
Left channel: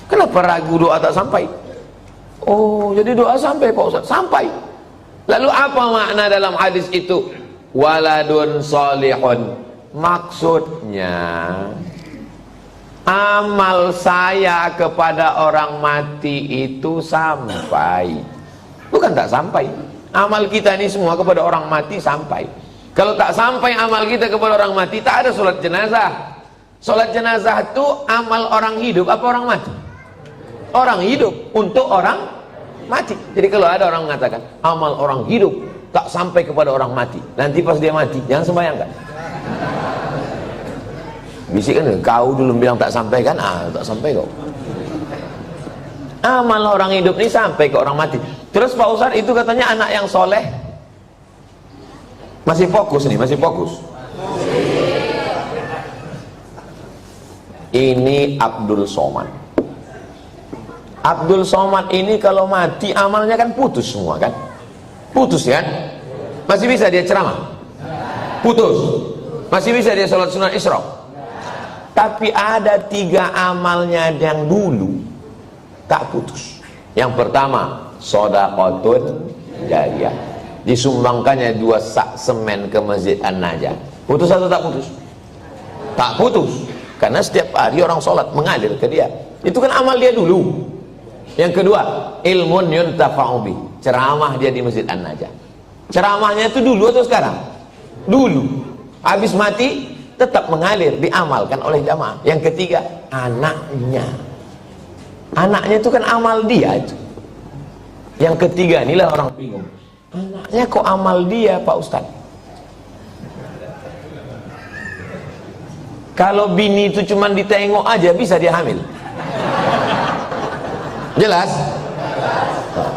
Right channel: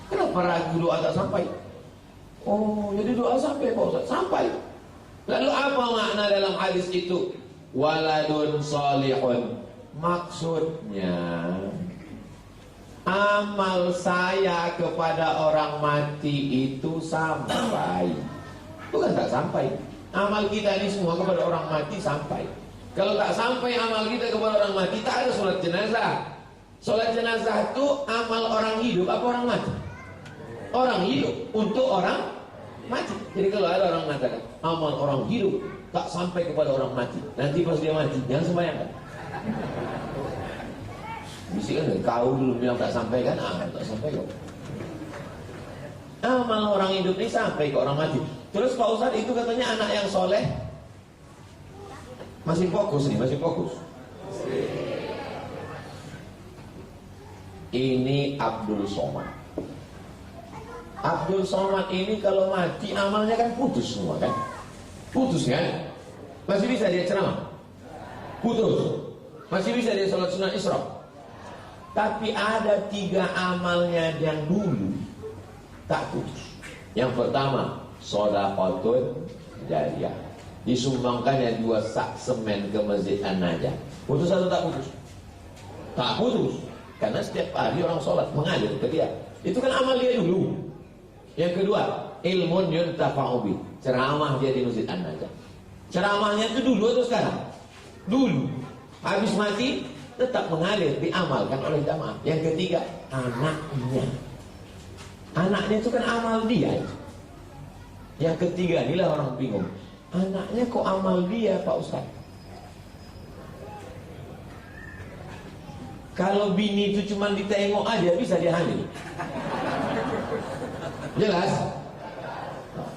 Kenapa ragu doa tak sampai? Oh, jadi doa sampai Pak Ustaz? Sampai. Lalu apa makna dalam hadis itu? Waladun solihun. Maksudnya amal saya kepada orang mati itu sampai. Bukan tak sampai. Amal kita ini semua kepada orang mati sampai. Kalau tak sampai amal kita kepada orang mati, tak ada sholat jenazah. Sholat jenazah itu amal orang hidup apa orang mati? Orang hidup untuk orang mati. Jadi kalau ada orang mengatakan amal orang hidup tak sampai kepada orang mati. Nanti pas dia mati, jangan sembahyang kan? Bisik kan, kau dulu bilang tak sampai kan? Tak sampai kau. Amal orang hidup ini sampai ke orang mati. Terus Pak Ustadz itu katanya anak yang soleh. Masih fokus nih, masih fokus. Ini Abdul Somad. Abdul Somad ini kalau mati amalnya kan putus semua kan? Putus kan? Masih bisa dia ceramah? Putus. Masih bisa dia sholat sunat Isra? Tapi ada 3 amalnya yang dulu tak putus. Yang pertama, shadaqatun jariyah. Disumbangkannya 2 sak semen ke Masjid An-Najah. Putus atau tak putus? Tak putus. Karena setiap hari orang sholat mengalir ke dia. Itu kan amal dia dulu. Yang kedua, ilmun yuntafa'u bih. Ceramah dia di Masjid An-Najah. Ceramahnya itu dulu atau sekarang? Dulu. Habis mati tetap mengalir, diamalkan oleh jamaah. Yang ketiga, anaknya. Anaknya itu kan amal dia itu. Yang ketiga, inilah orang bingung. Anaknya kok amal dia, Pak Ustaz? Kalau bini itu cuma ditengok aja bisa dia hamil. Jelas?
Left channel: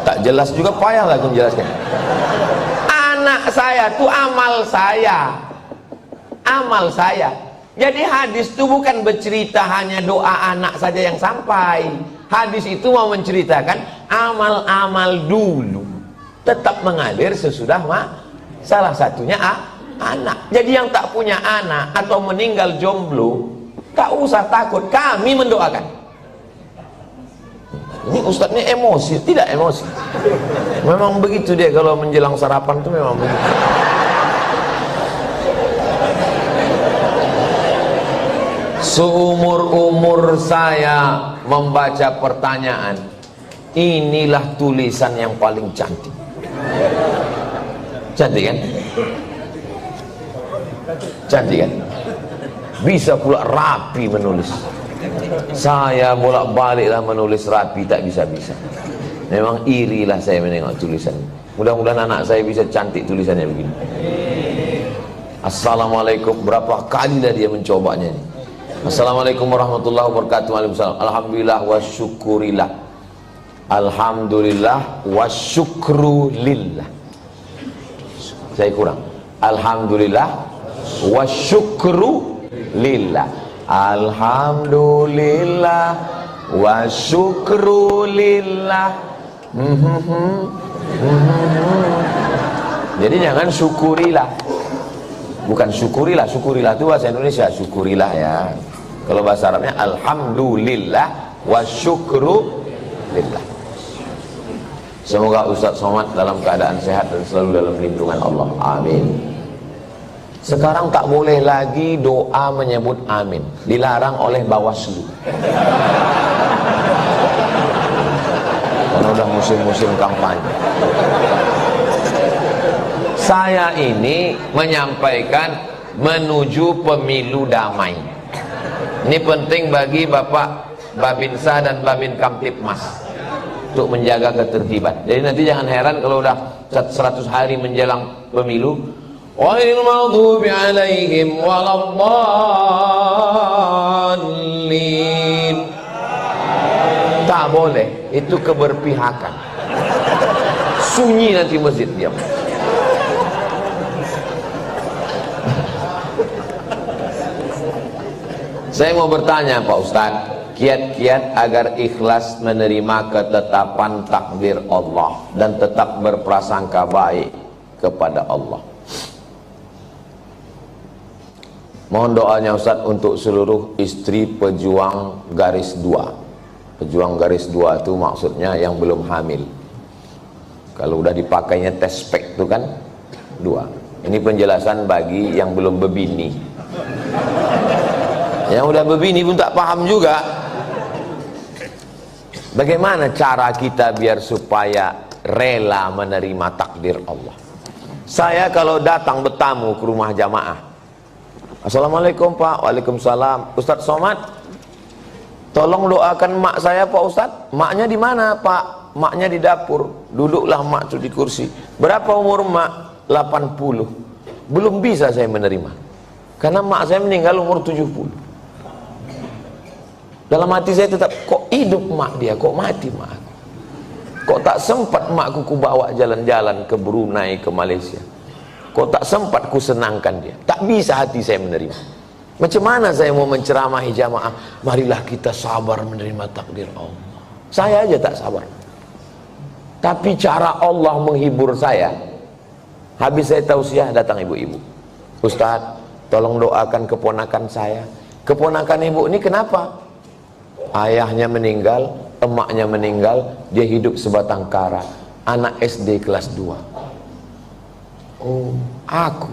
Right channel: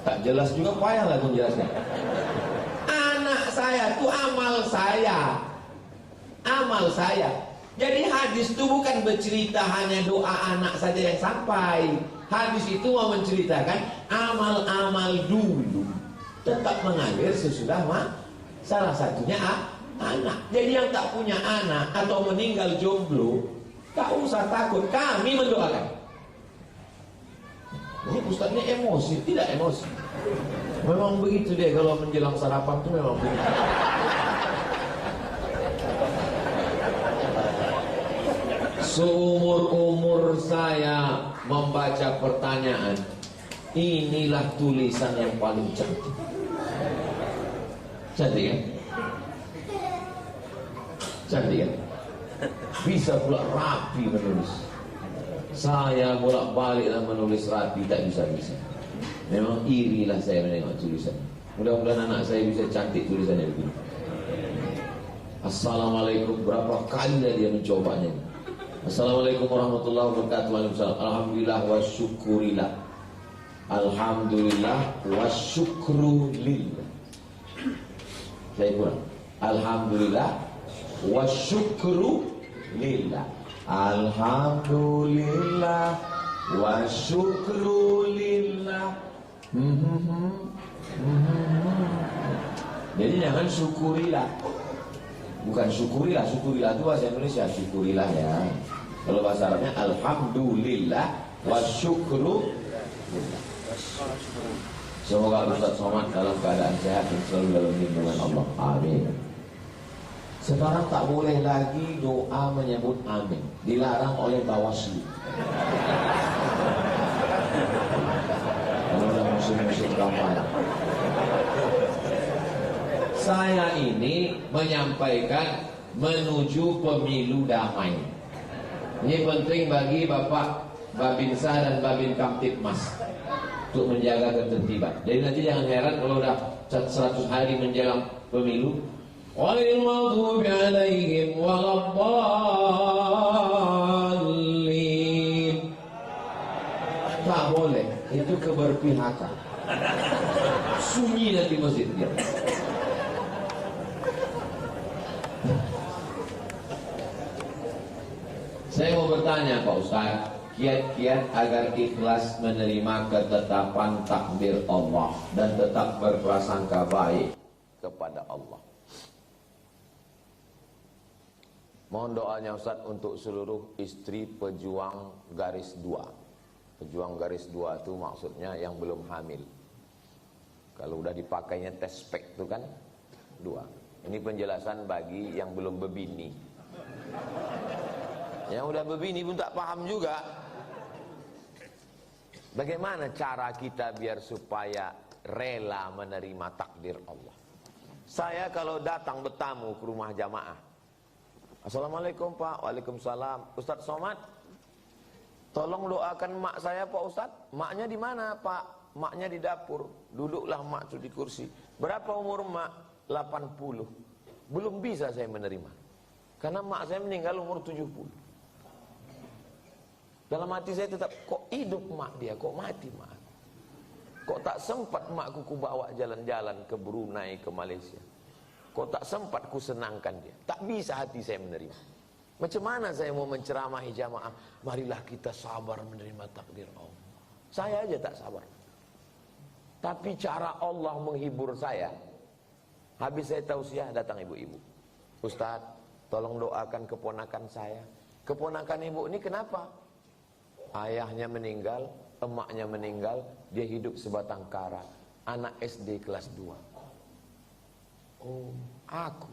Tak jelas juga payah lah aku menjelaskan. Anak saya itu amal saya. Amal saya. Jadi hadis itu bukan bercerita hanya doa anak saja yang sampai. Hadis itu mau menceritakan amal-amal dulu tetap mengalir sesudah salah satunya anak. Jadi yang tak punya anak atau meninggal jomblo tak usah takut, kami mendoakan. Ini Ustadz ini emosi, tidak emosi. Memang begitu dia kalau menjelang sarapan itu memang begitu. Seumur-umur saya membaca pertanyaan, inilah tulisan yang paling cantik. Cantik kan? Cantik kan? Bisa pula rapi menulis. Saya bolak-baliklah menulis rapi, tak bisa-bisa. Memang irilah saya menengok tulisan. Mudah-mudahan anak saya bisa cantik tulisannya begini. Assalamualaikum, berapa kali dah dia mencobanya ini. Assalamualaikum warahmatullahi wabarakatuh. Waalaikumsalam. Alhamdulillah wa syukurillah. Alhamdulillah wa syukru lillah. Saya kurang. Alhamdulillah wa syukru lillah. Alhamdulillah wa syukru lillah. Jadi jangan syukurilah. Bukan syukurilah. Syukurilah itu bahasa Indonesia. Syukurilah ya. Kalau bahasa Arabnya alhamdulillah wa syukru lillah. Semoga Ustaz Somad dalam keadaan sehat dan selalu dalam lindungan Allah. Amin. Sekarang tak boleh lagi doa menyebut amin. Dilarang oleh Bawaslu. Karena udah musim-musim kampanye. Saya ini menyampaikan menuju pemilu damai. Ini penting bagi Bapak Babinsa dan Babin Kamtipmas untuk menjaga ketertiban. Jadi nanti jangan heran kalau udah 100 hari menjelang pemilu, ghairil maghdubi alaihim waladdallin. Tak boleh, itu keberpihakan. Sunyi nanti masjid diam. Saya mau bertanya Pak Ustadz, kiat-kiat agar ikhlas menerima ketetapan takdir Allah dan tetap berprasangka baik kepada Allah. Mohon doanya Ustadz untuk seluruh istri pejuang garis 2. Pejuang garis 2 itu maksudnya yang belum hamil. Kalau udah dipakainya tes spek itu kan 2. Ini penjelasan bagi yang belum berbini. Yang udah berbini pun tak paham juga. Bagaimana cara kita biar supaya rela menerima takdir Allah? Saya kalau datang bertamu ke rumah jamaah, Assalamualaikum Pak. Waalaikumsalam. Ustadz Somad, tolong doakan mak saya Pak Ustadz. Maknya di mana Pak? maknya di dapur, duduklah mak tuh di kursi. Berapa umur mak? 80. Belum bisa saya menerima, karena mak saya meninggal umur 70. Dalam hati saya tetap, kok hidup mak dia, kok mati mak? Kok tak sempat makku ku bawa jalan-jalan ke Brunei, ke Malaysia? Kok tak sempat ku senangkan dia? Tak bisa hati saya menerima. Macam mana saya mau menceramahi jamaah? Marilah kita sabar menerima takdir Allah. Saya aja tak sabar. Tapi cara Allah menghibur saya, habis saya tausiah datang ibu-ibu. Ustaz, tolong doakan keponakan saya. Keponakan ibu ini kenapa? Ayahnya meninggal, emaknya meninggal, dia hidup sebatang kara. Anak SD kelas 2. Oh, aku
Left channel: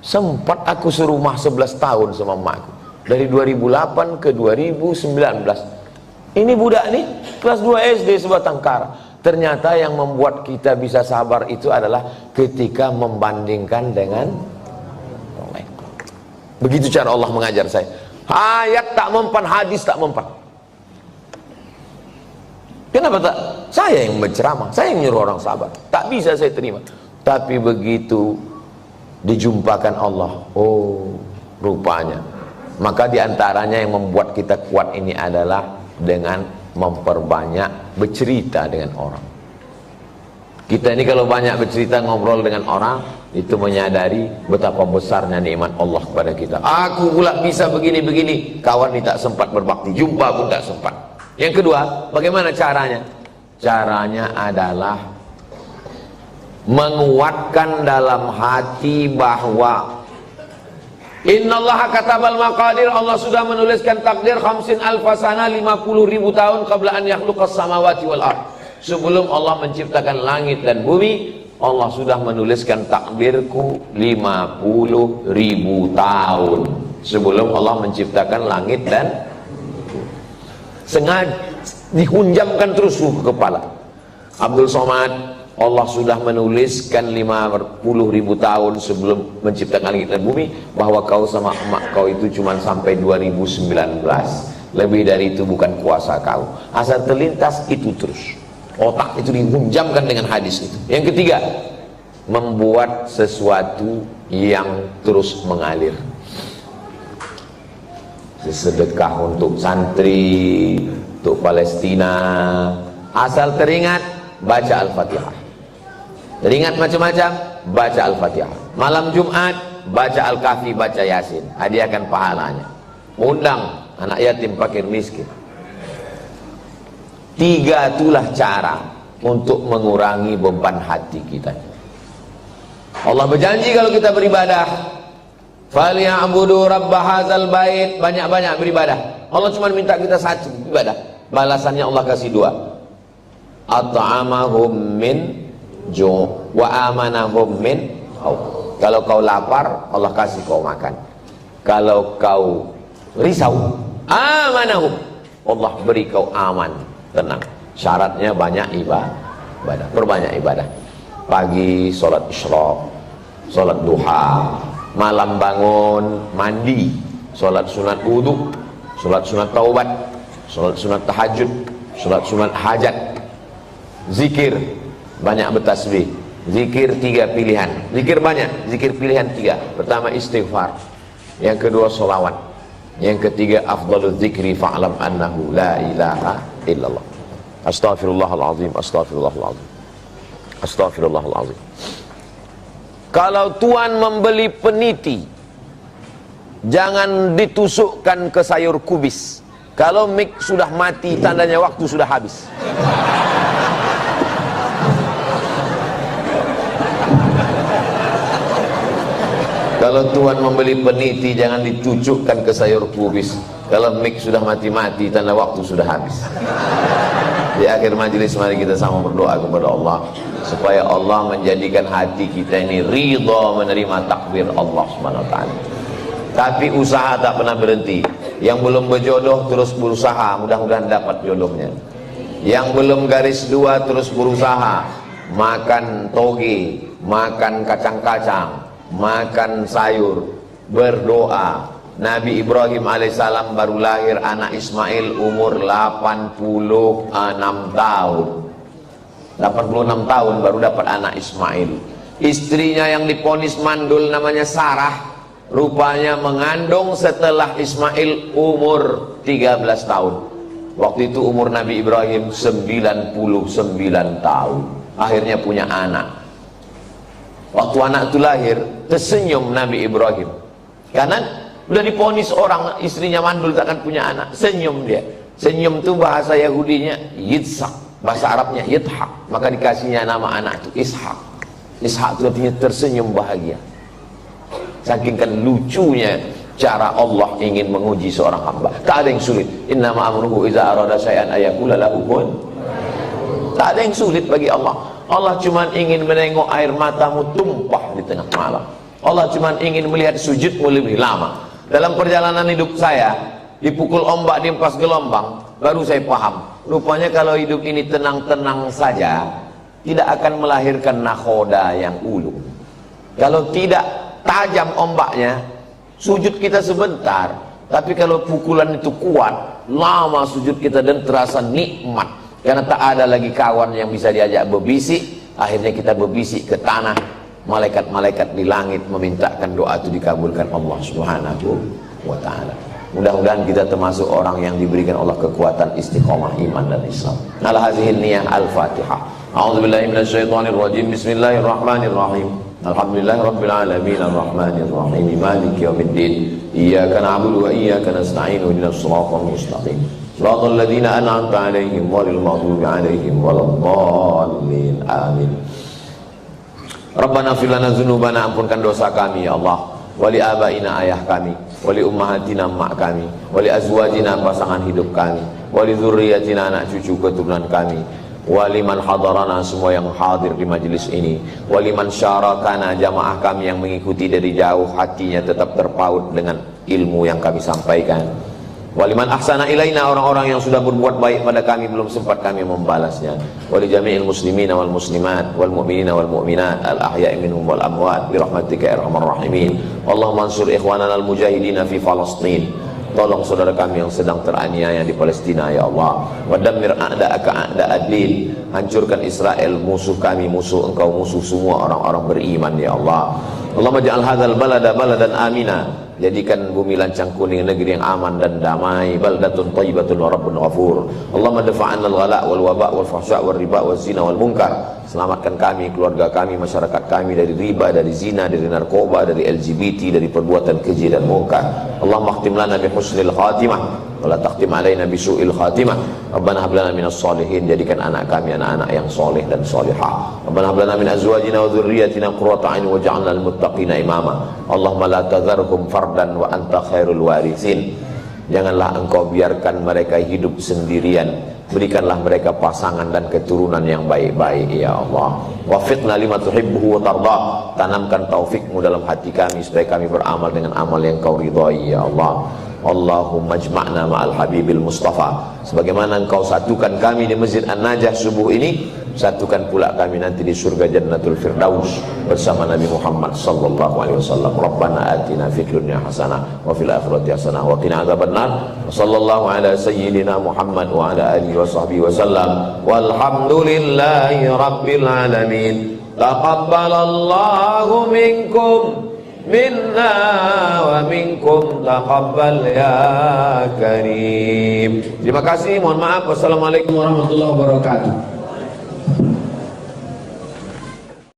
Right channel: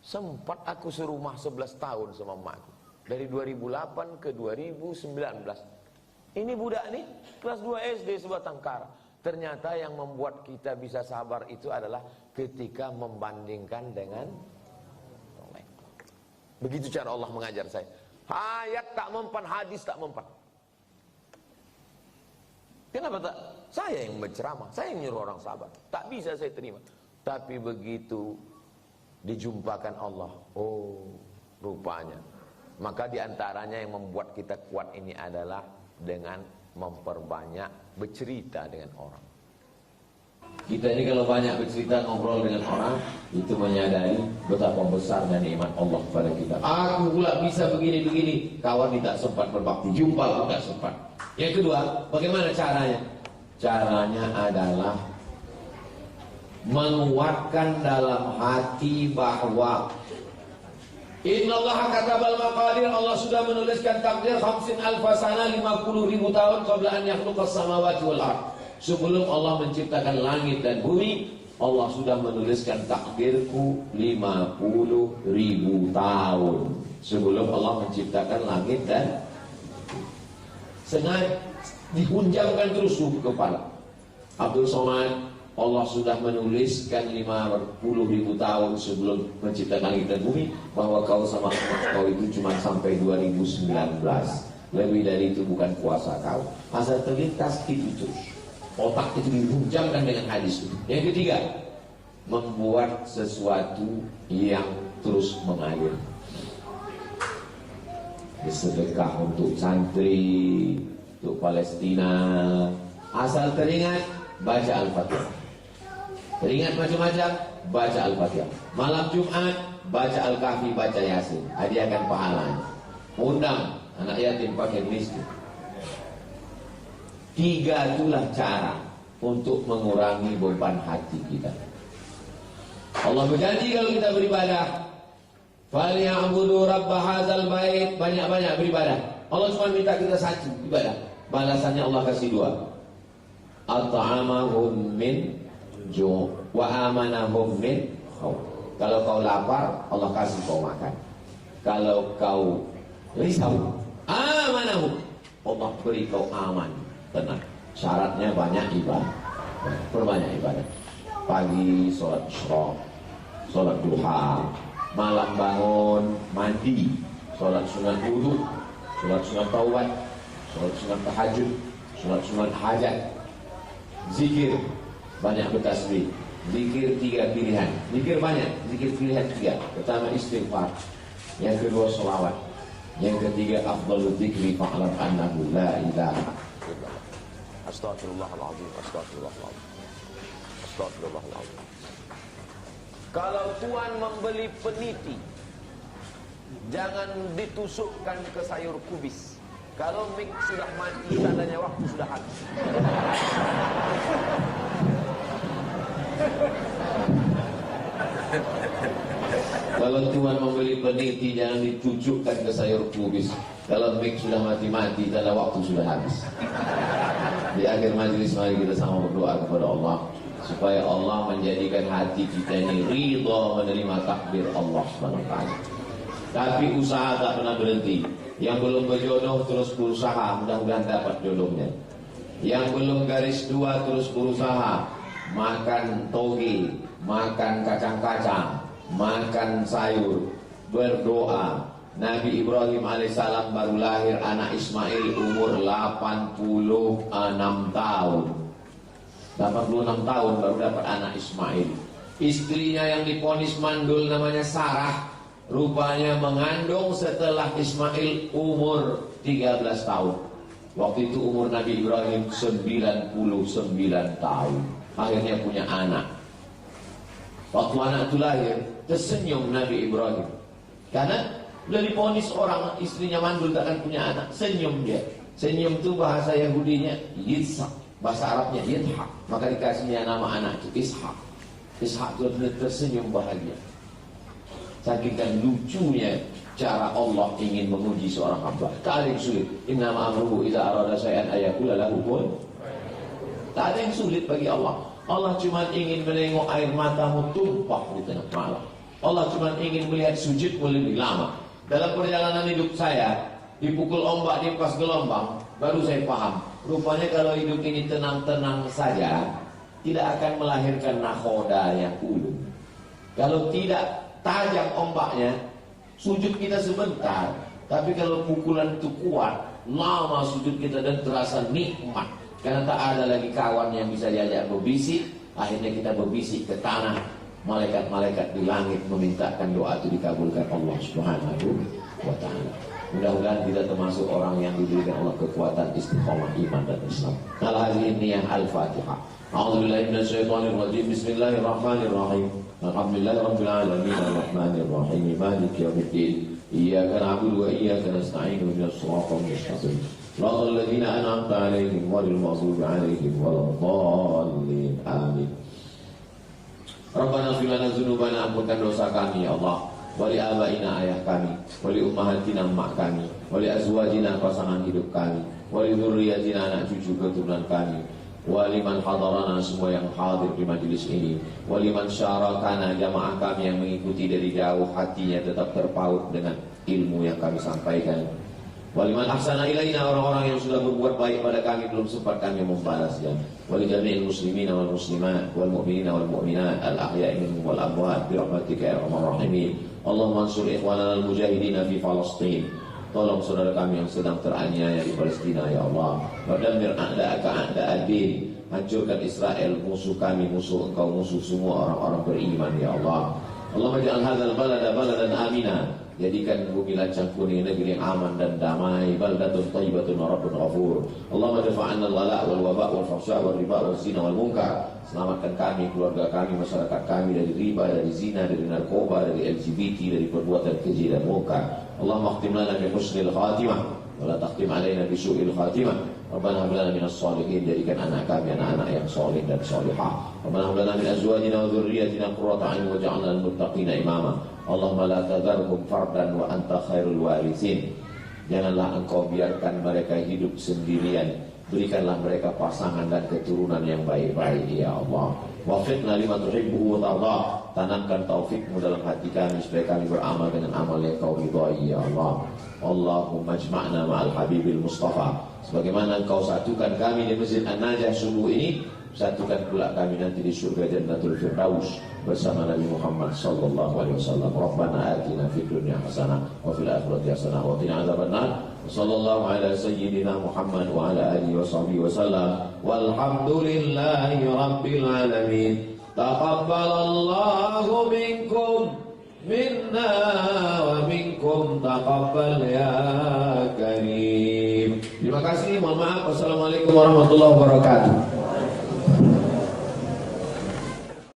sempat aku serumah 11 tahun sama emakku. Dari 2008 ke 2019. Ini budak nih kelas 2 SD sebatang kara. Ternyata yang membuat kita bisa sabar itu adalah ketika membandingkan dengan orang lain. Begitu cara Allah mengajar saya. Ayat tak mempan, hadis tak mempan. Kenapa tak? Saya yang berceramah, saya yang nyuruh orang sabar. Tak bisa saya terima. Tapi begitu dijumpakan Allah, oh rupanya. Maka diantaranya yang membuat kita kuat ini adalah dengan memperbanyak bercerita dengan orang. Kita ini kalau banyak bercerita, ngobrol dengan orang, itu menyadari betapa besarnya nikmat Allah kepada kita. Aku pula bisa begini-begini, kawan ini tak sempat berbakti, jumpa pun tak sempat. Yang kedua, bagaimana caranya? Caranya adalah menguatkan dalam hati bahwa innallaha katabal maqadir, Allah sudah menuliskan takdir 50 alfasana, 50.000 tahun qabla an yakhluqas samawati wal ard. Sebelum Allah menciptakan langit dan bumi, Allah sudah menuliskan takdirku 50.000 tahun sebelum Allah menciptakan langit dan sengaja dihunjamkan terus ke kepala. Abdul Somad, Allah sudah menuliskan 50.000 tahun sebelum menciptakan langit dan bumi bahwa kau sama emak kau itu cuma sampai 2019. Lebih dari itu bukan kuasa kau. Asal terlintas itu terus. Otak itu dihunjamkan dengan hadis itu. Yang ketiga, membuat sesuatu yang terus mengalir. Sedekah untuk santri, untuk Palestina. Asal teringat, baca Al-Fatihah. Teringat macam-macam, baca Al-Fatihah. Malam Jumat, baca Al-Kahfi, baca Yasin. Hadiahkan pahalanya. Undang anak yatim, fakir, miskin. 3 itulah cara untuk mengurangi beban hati kita. Allah berjanji kalau kita beribadah, falyabudu rabb hadzal bait, banyak-banyak beribadah. Allah cuma minta kita satu ibadah. Balasannya Allah kasih 2. At'amahum min ju' wa amanahum min khawf. Kalau kau lapar, Allah kasih kau makan. Kalau kau risau, amanahum, Allah beri kau aman, tenang. Syaratnya banyak ibadah. Perbanyak ibadah. Pagi sholat isyraq, sholat duha, malam bangun mandi, sholat sunat wudu, sholat sunat taubat, sholat sunat tahajud, sholat sunat hajat, zikir, banyak bertasbih. Zikir 3 pilihan. Zikir banyak, zikir pilihan 3. Pertama istighfar, yang kedua sholawat, yang ketiga afdalul zikri fa'lam annahu la ilaha illallah. Astaghfirullahaladzim, astaghfirullahaladzim, astaghfirullahaladzim. Kalau tuan membeli peniti, jangan ditusukkan ke sayur kubis. Kalau mik sudah mati, tandanya waktu sudah habis. Kalau tuan membeli peniti, jangan dicucukkan ke sayur kubis. Kalau mik sudah mati-mati, tanda waktu sudah habis. Di akhir majelis mari kita sama berdoa kepada Allah supaya Allah menjadikan hati kita ini ridha menerima takdir Allah SWT. Tapi usaha tak pernah berhenti. Yang belum berjodoh terus berusaha, mudah-mudahan dapat jodohnya. Yang belum garis 2 terus berusaha, makan toge, makan kacang-kacang, makan sayur, berdoa. Nabi Ibrahim alaihissalam baru lahir anak Ismail umur 86 tahun. 86 tahun baru dapat anak Ismail. Istrinya yang diponis mandul namanya Sarah, rupanya mengandung setelah Ismail umur 13 tahun. Waktu itu umur Nabi Ibrahim 99 tahun. Akhirnya punya anak. Waktu anak itu lahir, tersenyum Nabi Ibrahim. Karena udah diponis orang istrinya mandul takkan punya anak, senyum dia. Senyum itu bahasa Yahudinya Yitzhak, bahasa Arabnya Yithak. Maka dikasihnya nama anak itu Ishak. Ishak itu artinya tersenyum bahagia. Saking kan lucunya cara Allah ingin menguji seorang hamba. Tak ada yang sulit. Innama amruhu iza arada syai'an ayaqula lahu kun. Tak ada yang sulit bagi Allah. Allah cuma ingin menengok air matamu tumpah di tengah malam. Allah cuma ingin melihat sujudmu lebih lama. Dalam perjalanan hidup saya, dipukul ombak, diempas gelombang, baru saya paham. Rupanya kalau hidup ini tenang-tenang saja, tidak akan melahirkan nakhoda yang ulu. Kalau tidak tajam ombaknya, sujud kita sebentar. Tapi kalau pukulan itu kuat, lama sujud kita dan terasa nikmat. Karena tak ada lagi kawan yang bisa diajak berbisik. Akhirnya kita berbisik ke tanah. Malaikat-malaikat di langit memintakan doa itu dikabulkan Allah Subhanahu wa ta'ala. Mudah-mudahan kita termasuk orang yang diberikan Allah kekuatan istiqomah iman dan Islam. Ala hazihin niyah al-Fatihah. A'udzubillahi minasyaitonirrajim. Bismillahirrahmanirrahim. Alhamdulillahirabbil alamin arrahmanir rahim maliki yaumiddin. Iyyaka na'budu wa iyyaka nasta'in ihdinas siratal mustaqim. Shiratal ladzina an'amta 'alaihim ghairil maghdubi 'alaihim waladdallin. Amin. Rabbana fir lana dzunubana, ampunkan dosa kami ya Allah. Wali abaina, ayah kami, wali ummahatina, mak kami, wali azwajina, pasangan hidup kami, wali dzurriyyatina, anak cucu keturunan kami, wali man hadarana, semua yang hadir di majelis ini, wali man syarakana, jamaah kami yang mengikuti dari jauh, hatinya tetap terpaut dengan ilmu yang kami sampaikan. Waliman ahsana ilaina, orang-orang yang sudah berbuat baik pada kami belum sempat kami membalasnya. Wali jami'il muslimina wal muslimat wal mu'minina wal mu'minat al ahya'i minhum wal amwat bi rahmatika ya arhamar rahimin. Allahumma ansur ikhwanana al mujahidina fi Palestin. Tolong saudara kami yang sedang teraniaya di Palestina ya Allah. Wa dammir a'da'aka a'da'ad-din. Hancurkan Israel, musuh kami, musuh engkau, musuh semua orang-orang beriman ya Allah. Allahumma ja'al hadzal balada baladan amina. Jadikan bumi Lancang Kuning negeri yang aman dan damai. Baldatun thayyibatun wa rabbun ghafur. Allahumma dafa'anna al-ghala' wal waba' wal fahsya' wal riba wal zina wal munkar. Selamatkan kami, keluarga kami, masyarakat kami dari riba, dari zina, dari narkoba, dari LGBT, dari perbuatan keji dan munkar. Allahumma khtim lana bi husnil khatimah wa la takhtim alaina bi su'il khatimah. Rabbana hab lana minas shalihin, jadikan anak kami anak-anak yang soleh dan solehah. Rabbana hab lana min azwajina wa dhurriyyatina qurrata a'yun waj'alna lil muttaqina imama. Allahumma la tadharhum fardan wa anta khairul warithin. Janganlah engkau biarkan mereka hidup sendirian, berikanlah mereka pasangan dan keturunan yang baik-baik ya Allah. Wafiqna lima tuhibbuhu wa tardah. Tanamkan taufikmu dalam hati kami supaya kami beramal dengan amal yang kau ridhai ya Allah. Allahumma jma'na ma'al habibil mustafa. Sebagaimana engkau satukan kami di Masjid An-Najah subuh ini, satukan pula kami nanti di surga Jannatul Firdaus bersama Nabi Muhammad sallallahu alaihi wasallam. Rabbana atina fid dunya hasanah wa fil akhirati hasanah wa qina adzabannar. Sallallahu ala sayyidina Muhammad wa ala alihi wa sahbihi wasallam. Walhamdulillahi rabbil alamin. Taqabbalallahu minkum minna wa minkum taqabbal ya karim. Terima kasih, mohon maaf. Wassalamualaikum warahmatullahi wabarakatuh.